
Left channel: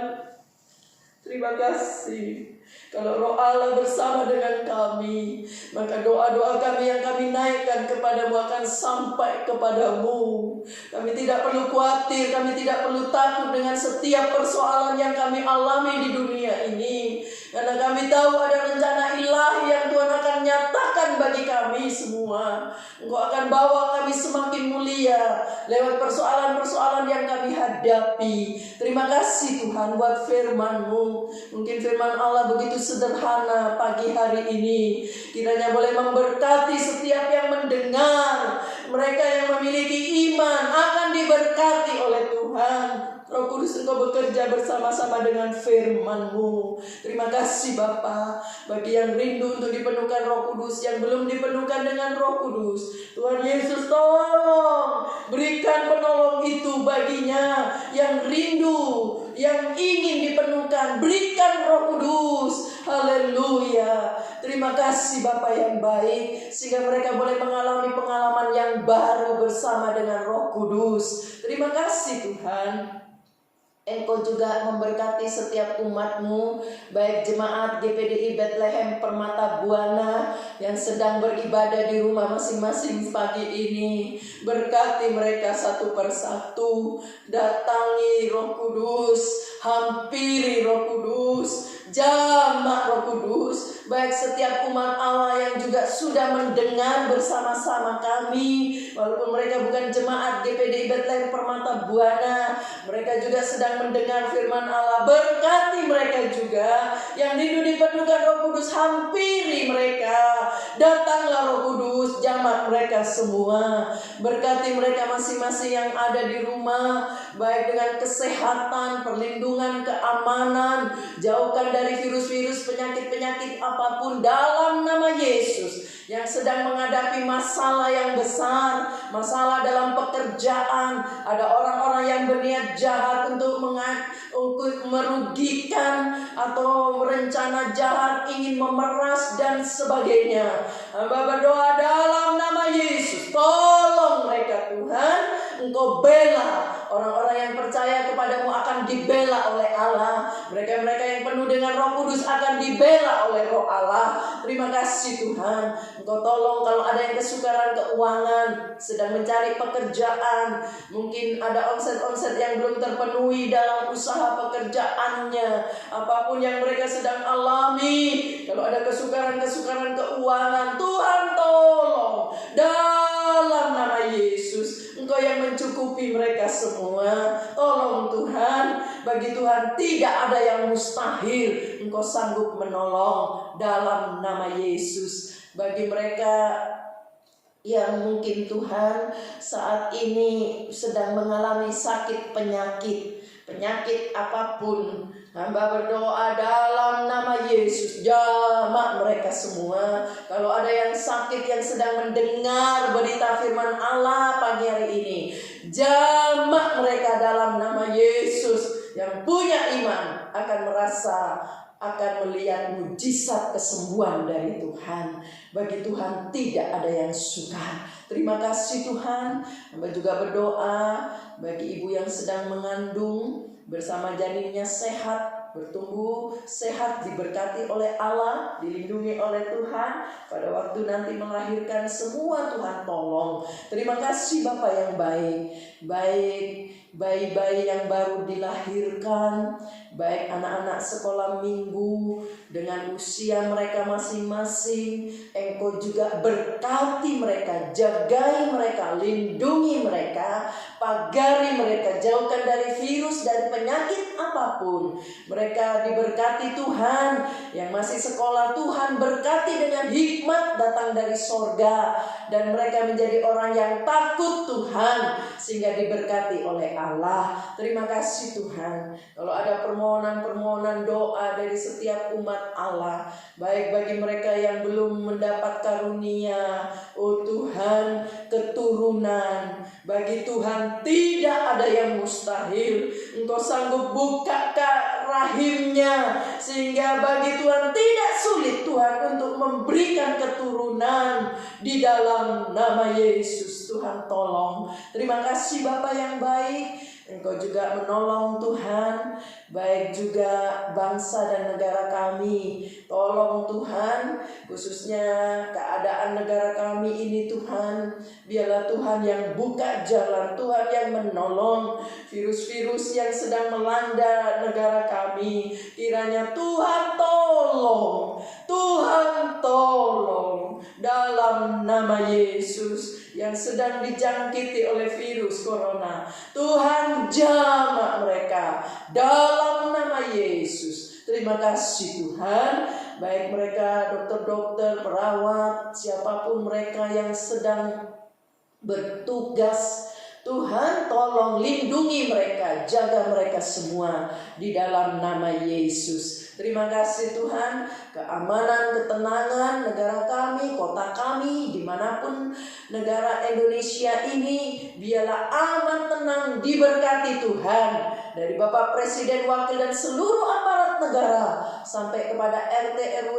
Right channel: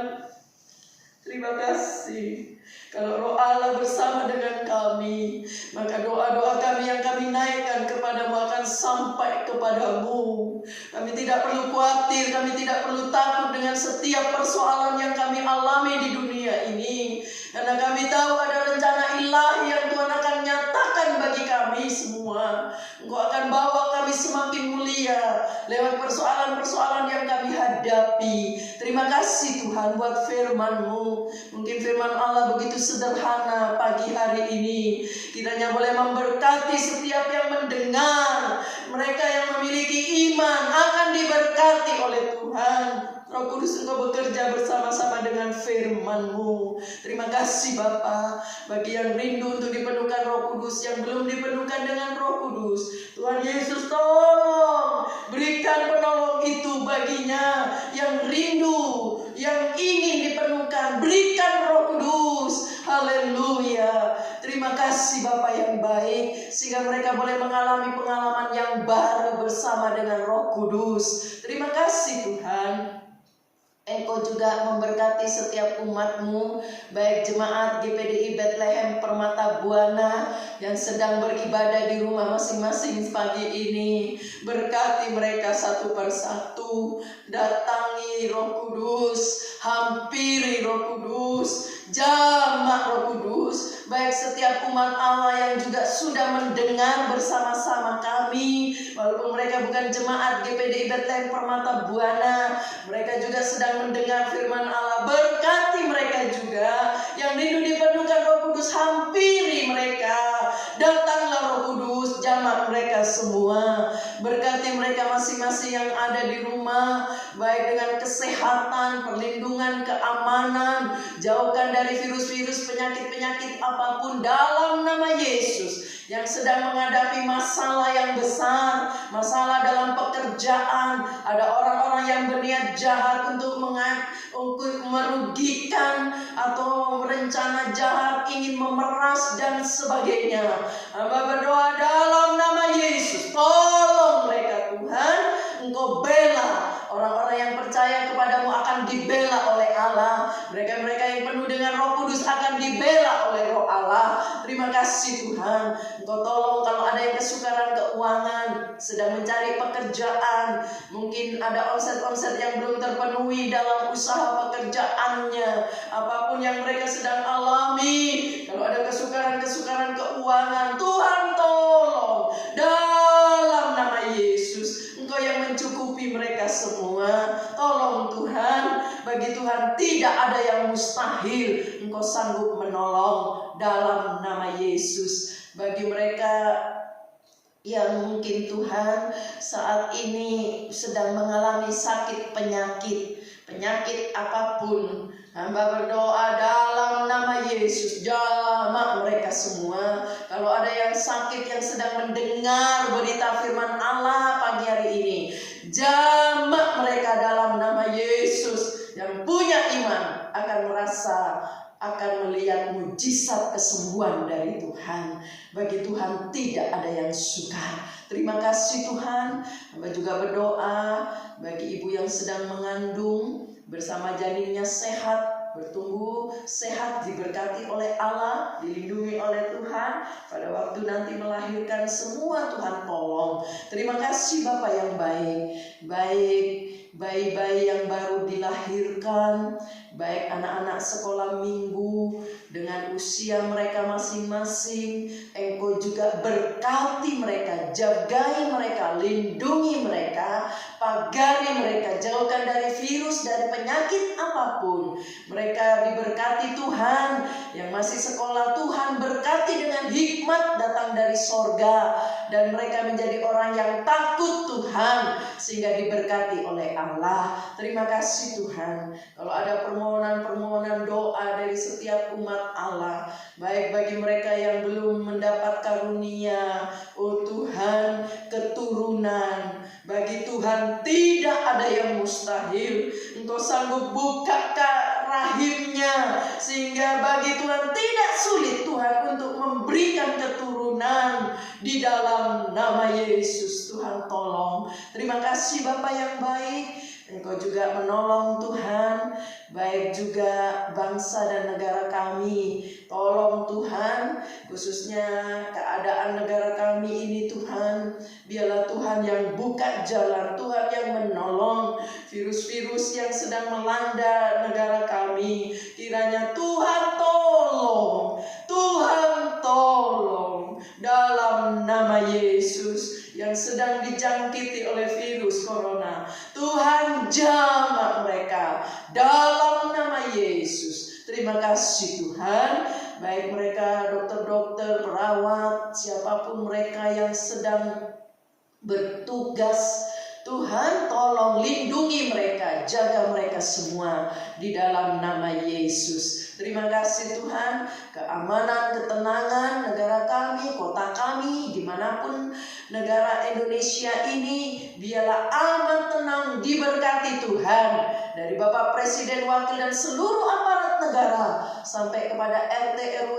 Terima kasih. Kalau Roh Allah bersama dengan kami, maka doa-doa kami yang kami naikkan kepadamu akan sampai kepadamu. Kami tidak perlu khawatir, kami tidak perlu takut dengan setiap persoalan yang kami alami di dunia ini, karena kami tahu ada rencana ilahi yang Tuhan akan nyatakan bagi kami semua. Engkau akan bawa kami semakin mulia lewat persoalan-persoalan yang kami hadapi. Terima kasih Tuhan buat firman-Mu. Mungkin firman Allah begitu sederhana pagi hari ini, kiranya boleh memberkati setiap yang mendengar. Mereka yang memiliki iman akan diberkati oleh Tuhan. Roh Kudus, Engkau bekerja bersama-sama dengan firman-Mu. Terima kasih Bapa. Bagi yang rindu untuk dipenuhkan Roh Kudus, yang belum dipenuhkan dengan Roh Kudus, Tuhan Yesus tolong berikan penolong itu baginya. Yang rindu, yang ingin dipenuhkan, berikan Roh Kudus. Haleluya. Terima kasih Bapa yang baik, sehingga mereka boleh mengalami pengalaman yang baru bersama dengan Roh Kudus. Terima kasih Tuhan. Engkau juga memberkati setiap umat-Mu, baik jemaat GPDI Bethlehem Permata Buana yang sedang beribadah di rumah masing-masing pagi ini. Berkati mereka satu persatu. Datangi Roh Kudus, hampiri Roh Kudus, jamak Roh Kudus. Baik setiap umat Allah yang juga sudah mendengar bersama-sama kami, walaupun mereka bukan jemaat GPDI Bethlehem Permata Buana, mereka juga sedang mendengar firman Allah. Berkati mereka juga yang rindu dipenuhkan Roh Kudus, hampiri mereka. Datanglah Roh Kudus, jamak mereka semua. Berkati mereka masing-masing yang ada di rumah, baik dengan kesehatan, perlindungan, keamanan. Jauhkan dari virus-virus, penyakit-penyakit apapun dalam nama Yesus. Yang sedang menghadapi masalah yang besar, masalah dalam pekerjaan, ada orang-orang yang berniat jahat untuk merugikan atau merencana jahat, ingin memeras dan sebagainya. Hamba berdoa dalam nama Yesus, tolong mereka Tuhan. Engkau bela orang-orang yang percaya kepadamu, akan dibela oleh Allah. Mereka-mereka yang penuh dengan Roh Kudus akan dibela oleh Roh Allah. Terima kasih Tuhan. Engkau tolong kalau ada yang kesukaran keuangan, sedang mencari pekerjaan, mungkin ada omset-omset yang belum terpenuhi dalam usaha pekerjaannya, apapun yang mereka sedang alami, kalau ada kesukaran-kesukaran keuangan, Tuhan tolong dalam nama Yesus. Engkau yang mencukupi mereka semua. Tolong Tuhan. Bagi Tuhan tidak ada yang mustahil. Engkau sanggup menolong dalam nama Yesus. Bagi mereka yang mungkin Tuhan saat ini sedang mengalami sakit penyakit apapun, hamba berdoa dalam nama Yesus, jamak mereka semua. Kalau ada yang sakit yang sedang mendengar berita firman Allah pagi hari ini, jamak mereka dalam nama Yesus. Yang punya iman akan akan melihat mujizat kesembuhan dari Tuhan. Bagi Tuhan tidak ada yang sukar. Terima kasih Tuhan. Hamba juga berdoa bagi ibu yang sedang mengandung, bersama janinnya sehat, bertumbuh sehat, diberkati oleh Allah, dilindungi oleh Tuhan. Pada waktu nanti melahirkan semua Tuhan tolong. Terima kasih Bapa yang baik. Bayi-bayi yang baru dilahirkan, baik anak-anak sekolah minggu dengan usia mereka masing-masing, Engkau juga berkati mereka, jagai mereka, lindungi mereka, pagari mereka, jauhkan dari virus, dari penyakit apapun. Mereka diberkati Tuhan. Yang masih sekolah, Tuhan berkati dengan hikmat datang dari sorga. Dan mereka menjadi orang yang takut Tuhan, sehingga diberkati oleh Allah. Terima kasih Tuhan. Kalau ada permohonan-permohonan doa dari setiap umat Allah, baik bagi mereka yang belum mendapat karunia, oh Tuhan, keturunan, bagi Tuhan tidak ada yang mustahil. Engkau sanggup buka rahimnya, sehingga bagi Tuhan tidak sulit Tuhan untuk memberikan keturunan di dalam nama Yesus. Tuhan tolong. Terima kasih Bapa yang baik. Engkau juga menolong Tuhan, baik juga bangsa dan negara kami. Tolong Tuhan, khususnya keadaan negara kami ini Tuhan. Biarlah Tuhan yang buka jalan, Tuhan yang menolong virus-virus yang sedang melanda negara kami. Kiranya Tuhan tolong, Tuhan tolong dalam nama Yesus. Yang sedang dijangkiti oleh virus corona, Tuhan jamah mereka dalam nama Yesus. Terima kasih Tuhan. Baik mereka dokter-dokter, perawat, siapapun mereka yang sedang bertugas, Tuhan tolong lindungi mereka, jaga mereka semua di dalam nama Yesus. Terima kasih Tuhan. Keamanan, ketenangan negara kami, kota kami, dimanapun negara Indonesia ini, biarlah aman, tenang, diberkati Tuhan. Dari Bapak Presiden, Wakil, dan seluruh aparat negara, sampai kepada RT, RW,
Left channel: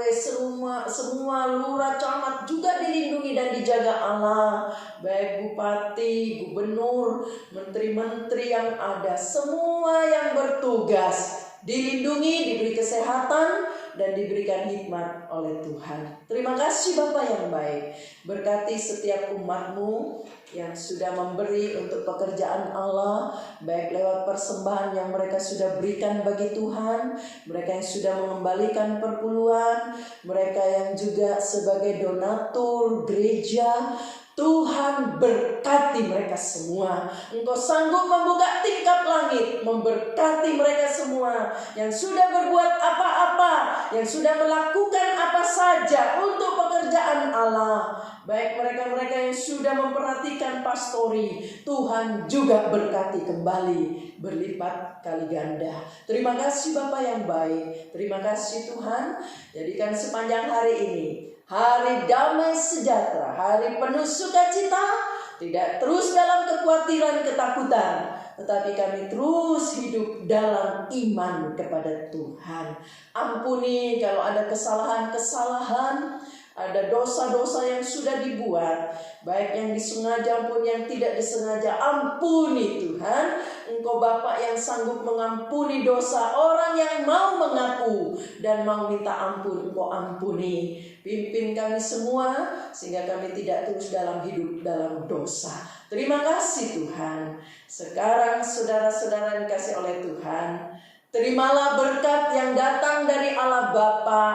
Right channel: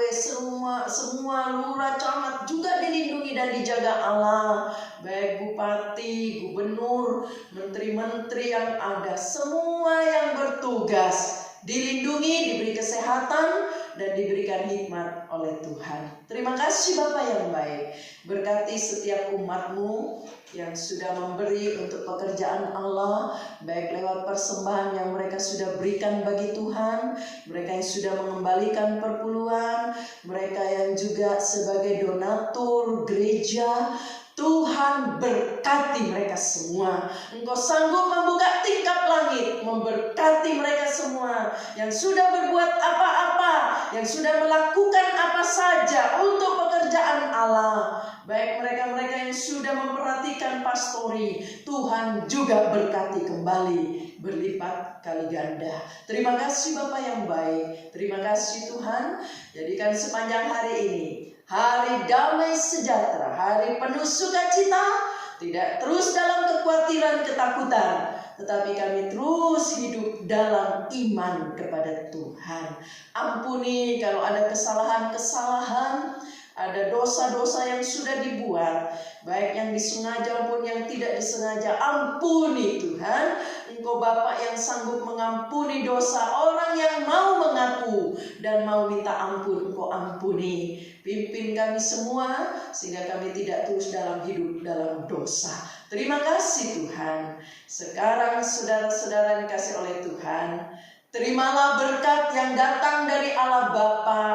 semua lurah, camat juga dilindungi dan dijaga Allah. Baik bupati, gubernur, menteri-menteri yang ada, semua yang bertugas dilindungi, diberi kesehatan, dan diberikan hikmat oleh Tuhan. Terima kasih Bapa yang baik. Berkati setiap umat-Mu yang sudah memberi untuk pekerjaan Allah, baik lewat persembahan yang mereka sudah berikan bagi Tuhan, mereka yang sudah mengembalikan perpuluhan, mereka yang juga sebagai donatur gereja. Tuhan berkati mereka semua. Engkau sanggup membuka tingkap langit, memberkati mereka semua yang sudah berbuat apa-apa, yang sudah melakukan apa saja untuk pekerjaan Allah. Baik mereka-mereka yang sudah memperhatikan pastori, Tuhan juga berkati kembali berlipat kali ganda. Terima kasih Bapa yang baik. Terima kasih Tuhan. Jadikan sepanjang hari ini hari damai sejahtera, hari penuh sukacita, tidak terus dalam kekhawatiran, ketakutan, tetapi kami terus hidup dalam iman kepada Tuhan. Ampuni kalau ada kesalahan-kesalahan, ada dosa-dosa yang sudah dibuat, baik yang disengaja maupun yang tidak disengaja. Ampuni Tuhan. Engkau Bapa yang sanggup mengampuni dosa orang yang mau mengaku dan mau minta ampun. Engkau ampuni. Pimpin kami semua sehingga kami tidak terus dalam hidup dalam dosa. Terima kasih Tuhan. Sekarang saudara-saudara yang dikasih oleh Tuhan, terimalah berkat yang datang dari Allah Bapa,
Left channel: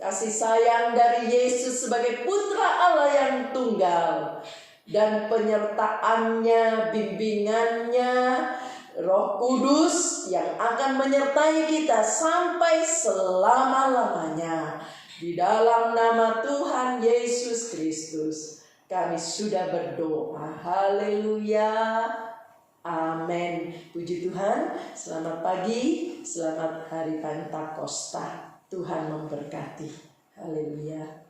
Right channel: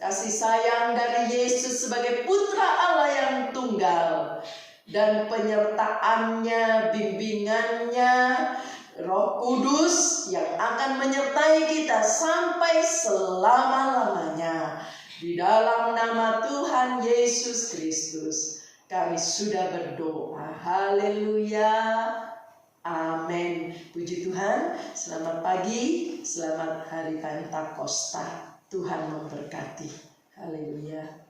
kasih sayang dari Yesus sebagai Putra Allah yang tunggal, dan penyertaannya, bimbingannya, Roh Kudus yang akan menyertai kita sampai selama-lamanya. Di dalam nama Tuhan Yesus Kristus kami sudah berdoa. Haleluya. Amin. Puji Tuhan. Selamat pagi, selamat hari Pentakosta. Tuhan memberkati. Haleluya.